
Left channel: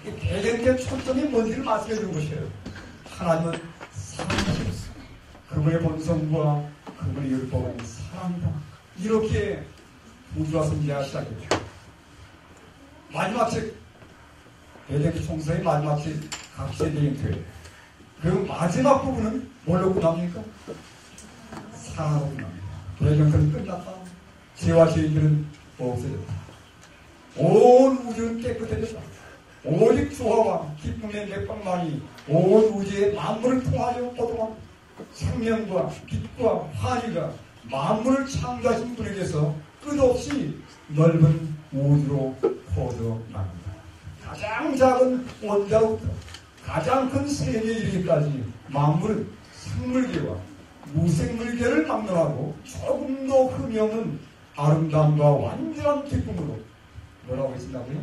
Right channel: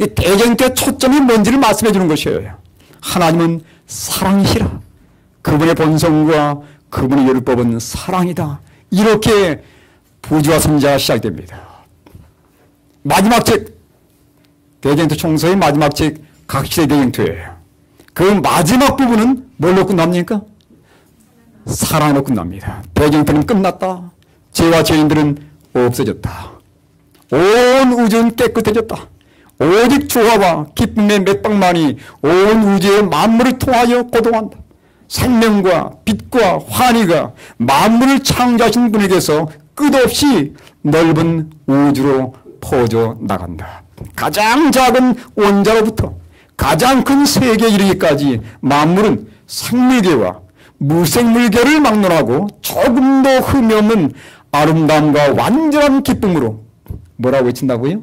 이 대전때 초점이 뭔지를 말씀해 주는 것이에요. 하나님은 사랑이시라. 그분의 본성과 그분의 율법은 사랑이다. 이렇게 부지와 선지자가 시작됩니다. 마지막 책, 대전투 총서의 마지막 책, 각시대 대전투예요. 그 마지막 부분은 뭘로 끝납니까? 사랑으로 끝납니다. 대전투는 끝났다. 죄와 죄인들은 없어졌다. 온 우주는 깨끗해졌다. 오직 조화와 기쁨의 맥박만이 온 우주의 만물을 통하여 고동한다. 생명과 빛과 환희가 만물을 창조하신 분에게서 끝없이 넓은 우주로 퍼져 나간다. 가장 작은 원자로부터 가장 큰 세계에 이르기까지 만물은 생물계와 무생물계를 막론하고 조금도 흠이 없는 아름다움과 완전한 기쁨으로 뭐라고 외친다고요?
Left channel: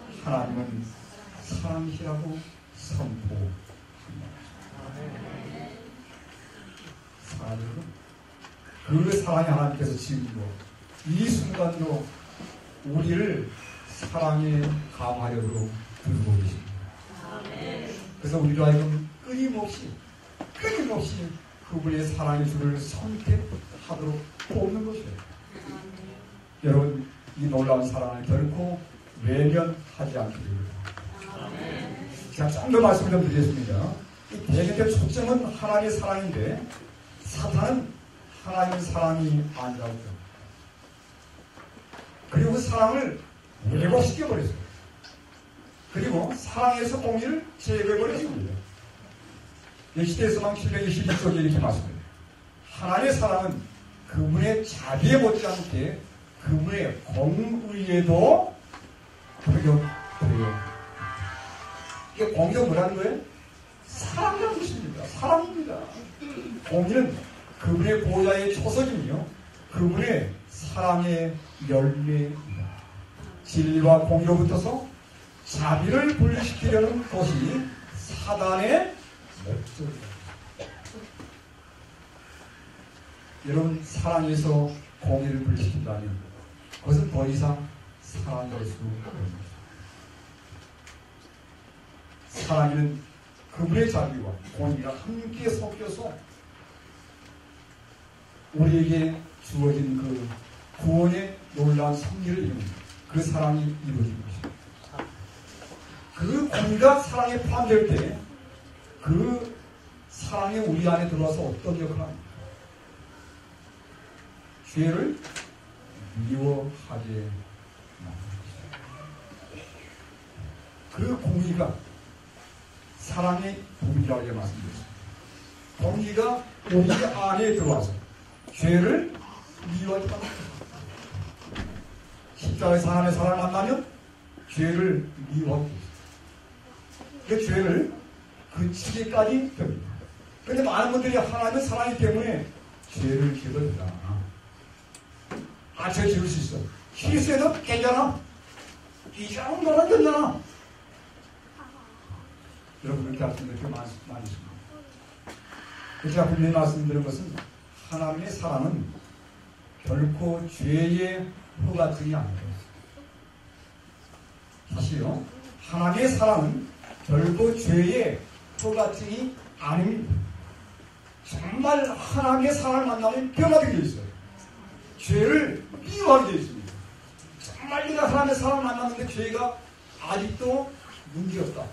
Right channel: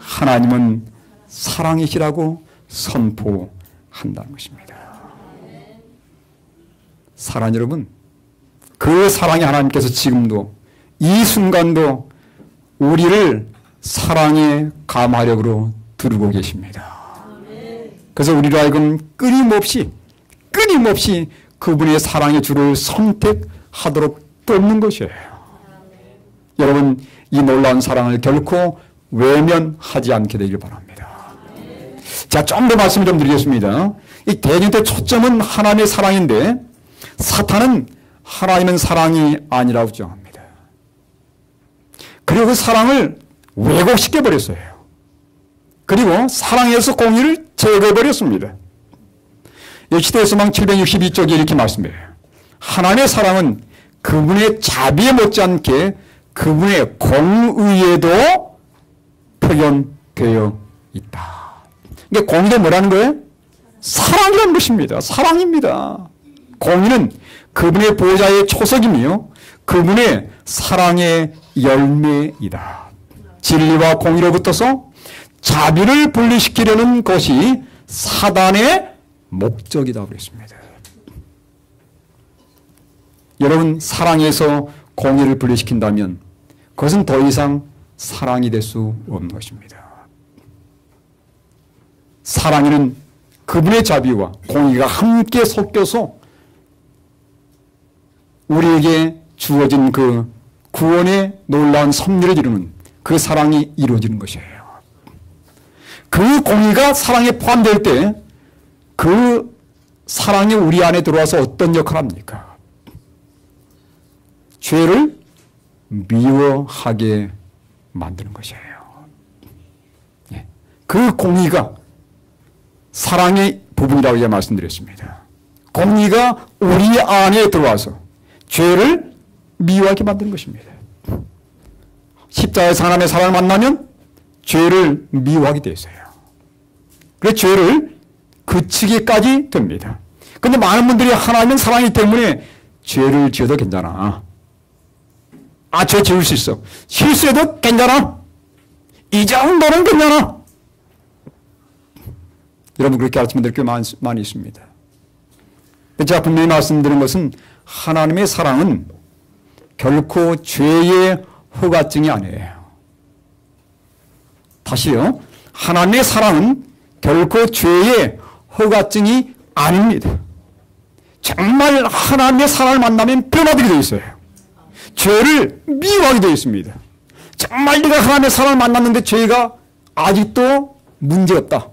하나님은 사랑이시라고 선포한다는 것입니다. 사랑 여러분, 그 사랑이 하나님께서 지금도 이 순간도 우리를 사랑의 감화력으로 두르고 계십니다. 그래서 우리로 하여금 끊임없이 그분의 사랑의 줄을 선택하도록 돕는 것이에요. 여러분, 이 놀라운 사랑을 결코 외면하지 않게 되길 바랍니다. 자, 좀 더 말씀 좀 드리겠습니다. 이 대전의 초점은 하나님의 사랑인데 사탄은 하나님은 사랑이 아니라고 주장합니다. 그리고 그 사랑을 왜곡시켜 버렸어요. 그리고 사랑에서 공의를 제거해버렸습니다. 시대서망 762쪽에 이렇게 말씀해요. 하나님의 사랑은 그분의 자비에 못지않게 그분의 공의에도 표현되어 있다. 이게 공의는 뭐라는 거예요? 사랑이라는 것입니다. 사랑입니다. 공의는 그분의 보좌의 초석이며 그분의 사랑의 열매이다. 진리와 공의로부터서 자비를 분리시키려는 것이 사단의 목적이라고 했습니다. 여러분, 사랑에서 공의를 분리시킨다면 그것은 더 이상 사랑이 될 수 없는 것입니다. 사랑에는 그분의 자비와 공의가 함께 섞여서 우리에게 주어진 그 구원의 놀라운 섭리를 이루는 그 사랑이 이루어지는 것이에요. 그 공의가 사랑에 포함될 때 그 사랑이 우리 안에 들어와서 어떤 역할을 합니까? 죄를 미워하게 만드는 것이에요. 그 공의가 사랑의 부분이라고 제가 말씀드렸습니다. 공의가 우리 안에 들어와서 죄를 미워하게 만드는 것입니다. 십자가에서 하나님의 사랑을 만나면 죄를 미워하게 되어 있어요. 그래서 죄를 그치기까지 됩니다. 그런데 많은 분들이 하나님은 사랑이기 때문에 죄를 지어도 괜찮아. 죄 지을 수 있어. 실수해도 괜찮아. 이 정도는 괜찮아. 여러분 그렇게 가르치는 분들이 꽤 많이 있습니다. 제가 분명히 말씀드린 것은 하나님의 사랑은 결코 죄의 허가증이 아니에요. 다시요. 하나님의 사랑은 결코 죄의 허가증이 아닙니다. 정말 하나님의 사랑을 만나면 변화되게 되어 있어요. 죄를 미워하게 되어 있습니다. 정말 네가 하나님의 사랑을 만났는데 죄가 아직도 문제없다.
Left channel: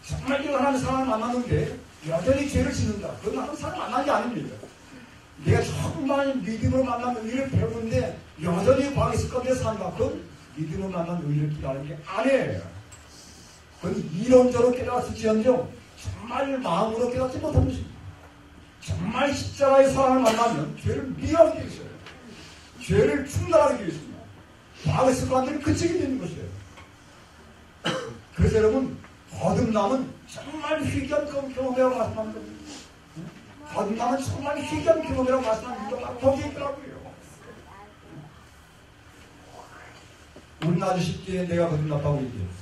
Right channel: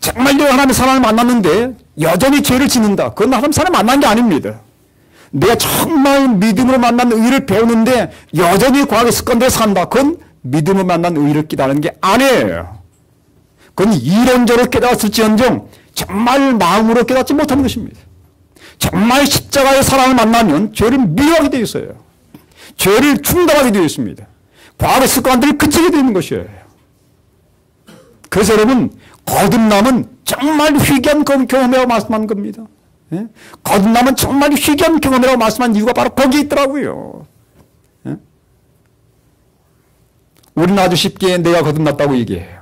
정말 내가 하나님의 사랑을 만났는데 여전히 죄를 짓는다. 그건 하나님의 사랑을 만난 게 아닙니다. 내가 정말 믿음으로 만난 의를 배우는데 여전히 과거의 습관대로 산다. 그건 믿음으로 만난 의를 깨달은 게 아니에요. 그건 이론적으로 깨달았을지언정 정말 마음으로 깨닫지 못하는 것입니다. 정말 십자가의 사랑을 만나면 죄를 미워하게 되어 있어요. 죄를 중단하게 되어 있습니다. 과거의 습관들이 그치게 되는 것이에요. 그래서 여러분 거듭남은 정말 희귀한 경험이라고 말씀한 겁니다. 예? 거듭남은 정말 희귀한 경험이라고 말씀한 이유가 바로 거기에 있더라고요. 예? 우리는 아주 쉽게 내가 거듭났다고 얘기해요.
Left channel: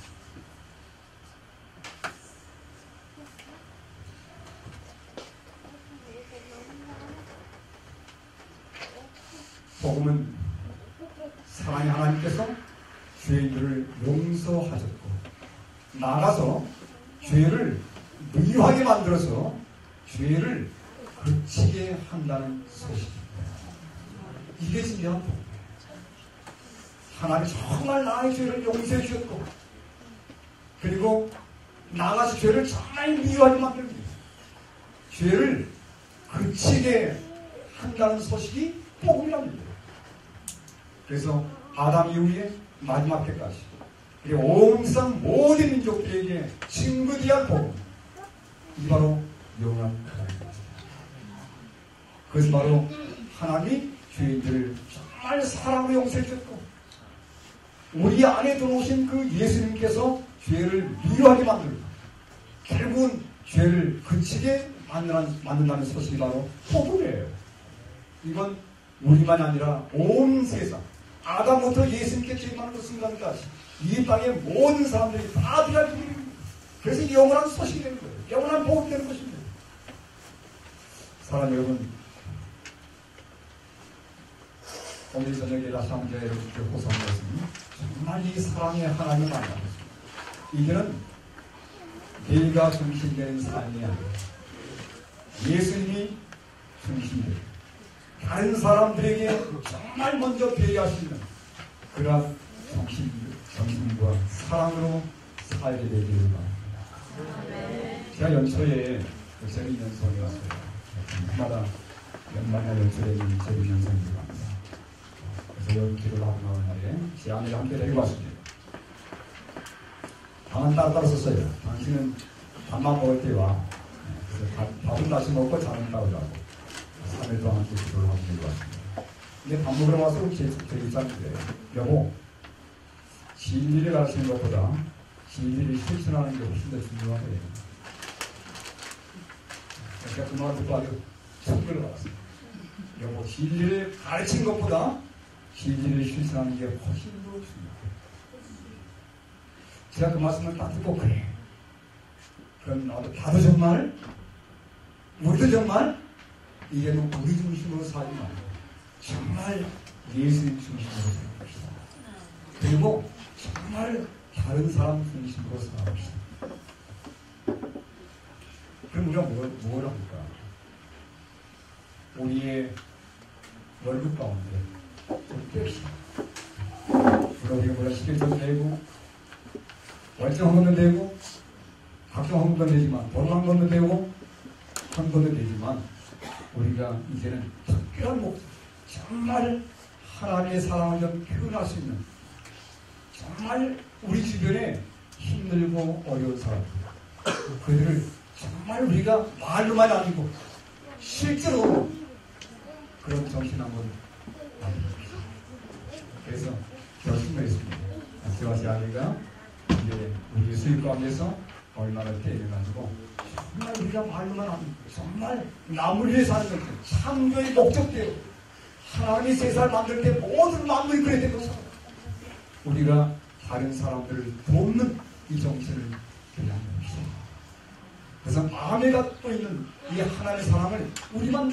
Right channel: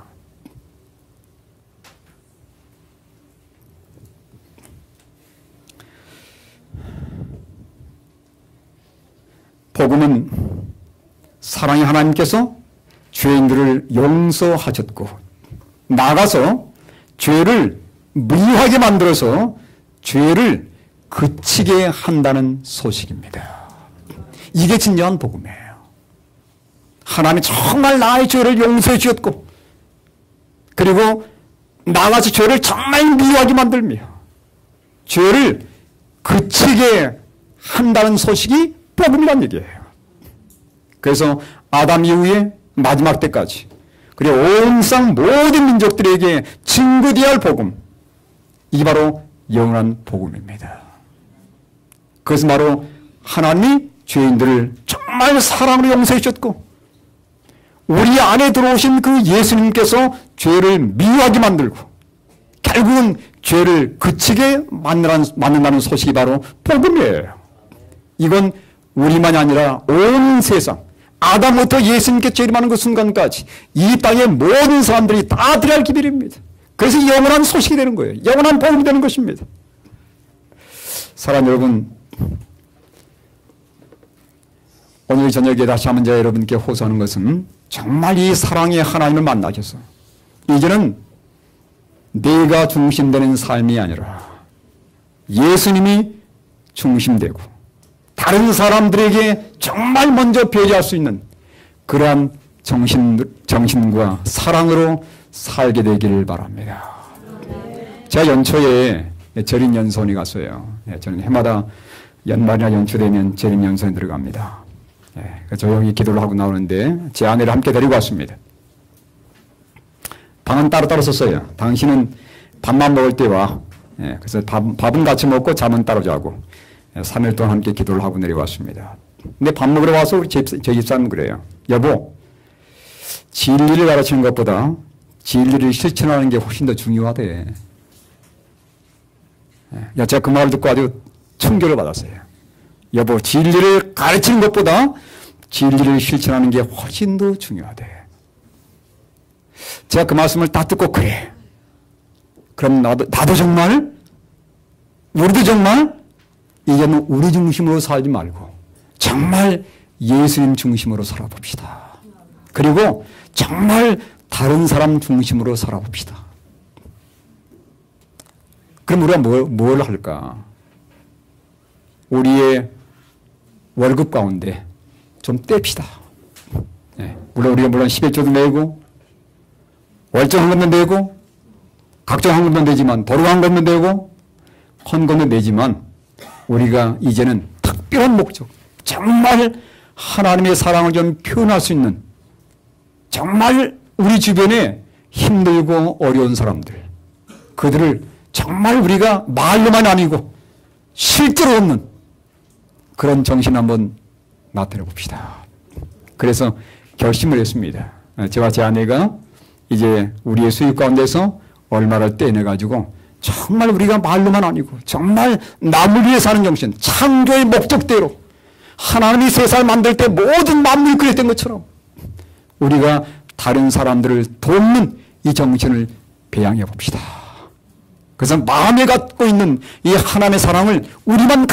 복음은 사랑의 하나님께서 죄인들을 용서하셨고 나가서 죄를 미워하게 만들어서 죄를 그치게 한다는 소식입니다. 이게 진정한 복음이에요. 하나님이 정말 나의 죄를 용서해 주셨고 그리고 나가서 죄를 정말 미워하게 만들며 죄를 그치게 한다는 소식이 복음이란 얘기예요. 그래서 아담 이후에 마지막 때까지 그리고 온 세상 모든 민족들에게 증거되어야 할 복음, 이게 바로 영원한 복음입니다. 그것은 바로 하나님이 죄인들을 정말 사랑으로 용서해 주셨고 우리 안에 들어오신 그 예수님께서 죄를 미워하게 만들고 결국은 죄를 그치게 만든다는 소식이 바로 복음이에요. 이건 우리만이 아니라 온 세상 아담부터 예수님께 재림하는 그 순간까지 이 땅의 모든 사람들이 다 들어야 할 길입니다. 그래서 영원한 소식이 되는 거예요. 영원한 복음이 되는 것입니다. 사랑 여러분, 오늘 저녁에 다시 한번 제가 여러분께 호소하는 것은 정말 이 사랑의 하나님을 만나셔서 이제는 내가 중심되는 삶이 아니라 예수님이 중심되고 다른 사람들에게 정말 먼저 배려할 수 있는 그러한 정신과 사랑으로 살게 되기를 바랍니다. 제가 연초에 절임연수원에 갔어요. 저는 해마다 연말이나 연초되면 절임연수원에 들어갑니다. 조용히 기도를 하고 나오는데 제 아내를 함께 데리고 왔습니다. 방은 따로따로 썼어요. 당신은 밥만 먹을 때 와. 그래서 밥은 같이 먹고 잠은 따로 자고 3일 동안 함께 기도를 하고 내려왔습니다. 근데 밥 먹으러 와서 우리 저희 집사람은 그래요. 여보, 진리를 가르치는 것보다 진리를 실천하는 게 훨씬 더 중요하대. 제가 그 말을 듣고 아주 충격을 받았어요. 여보, 진리를 가르치는 것보다 진리를 실천하는 게 훨씬 더 중요하대. 제가 그 말씀을 다 듣고 그래. 그럼 나도 정말? 우리도 정말? 이제는 우리 중심으로 살지 말고 정말 예수님 중심으로 살아봅시다. 그리고 정말 다른 사람 중심으로 살아봅시다. 그럼 우리가 뭘 할까? 우리의 월급 가운데 좀 떼읍시다. 우리가 11조도 내고 월정 한 것도 내고 각종 한 것도 내지만 도로 한 것도 내고 헌금도 내지만 우리가 이제는 특별한 목적, 정말 하나님의 사랑을 좀 표현할 수 있는 정말 우리 주변에 힘들고 어려운 사람들, 그들을 정말 우리가 말로만 아니고 실제로 없는 그런 정신 한번 나타내 봅시다. 그래서 결심을 했습니다. 저와 제 아내가 이제 우리의 수입 가운데서 얼마를 떼내가지고 정말 우리가 말로만 아니고 정말 남을 위해 사는 정신, 창조의 목적대로 하나님이 세상을 만들 때 모든 만물이 그랬던 것처럼 우리가 다른 사람들을 돕는 이 정신을 배양해 봅시다. 그래서 마음에 갖고 있는 이 하나님의 사랑을 우리만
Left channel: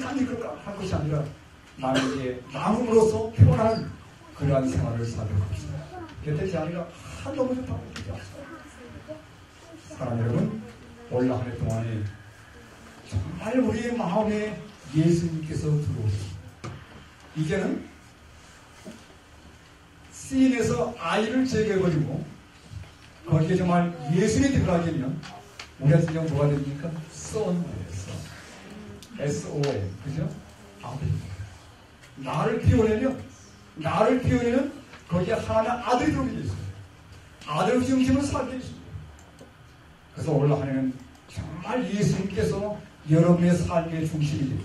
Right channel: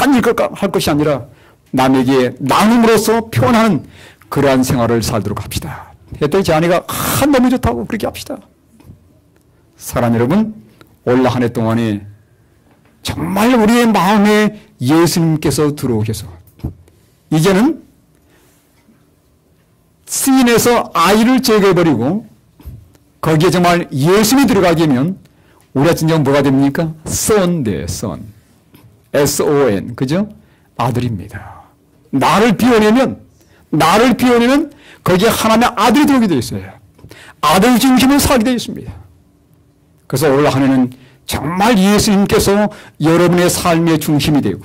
할 것이 아니라 남에게 나눔으로써 표현하는 그러한 생활을 살도록 합시다. 그때 제 아내가 너무 좋다고 그렇게 합시다. 사랑 여러분, 올 한 해 동안에 정말 우리의 마음에 예수님께서 들어오셔서 이제는 시인에서 아이를 제거해버리고 거기에 정말 예수님이 들어가게 되면 우리가 진정 뭐가 됩니까? son 돼, son. S-O-N. 그죠? 아들입니다. 나를 비워내면 거기에 하나님의 아들이 들어오게 되어 있어요. 아들 중심으로 살게 되어 있습니다. 그래서 올 한 해는 정말 예수님께서 여러분의 삶의 중심이 되고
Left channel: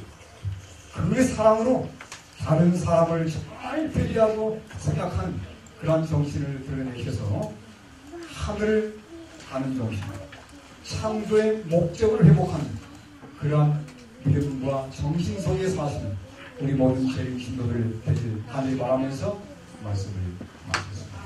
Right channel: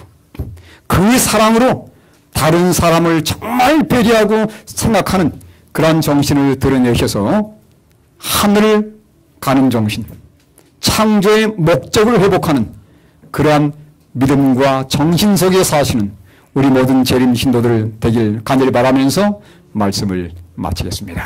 그 사랑으로 다른 사람을 정말 배려하고 생각하는 그러한 정신을 드러내셔서 하늘을 가는 정신, 창조의 목적을 회복하는 그러한 믿음과 정신 속에 사시는 우리 모든 재림 신도들 되길 간절히 바라면서 말씀을 마치겠습니다.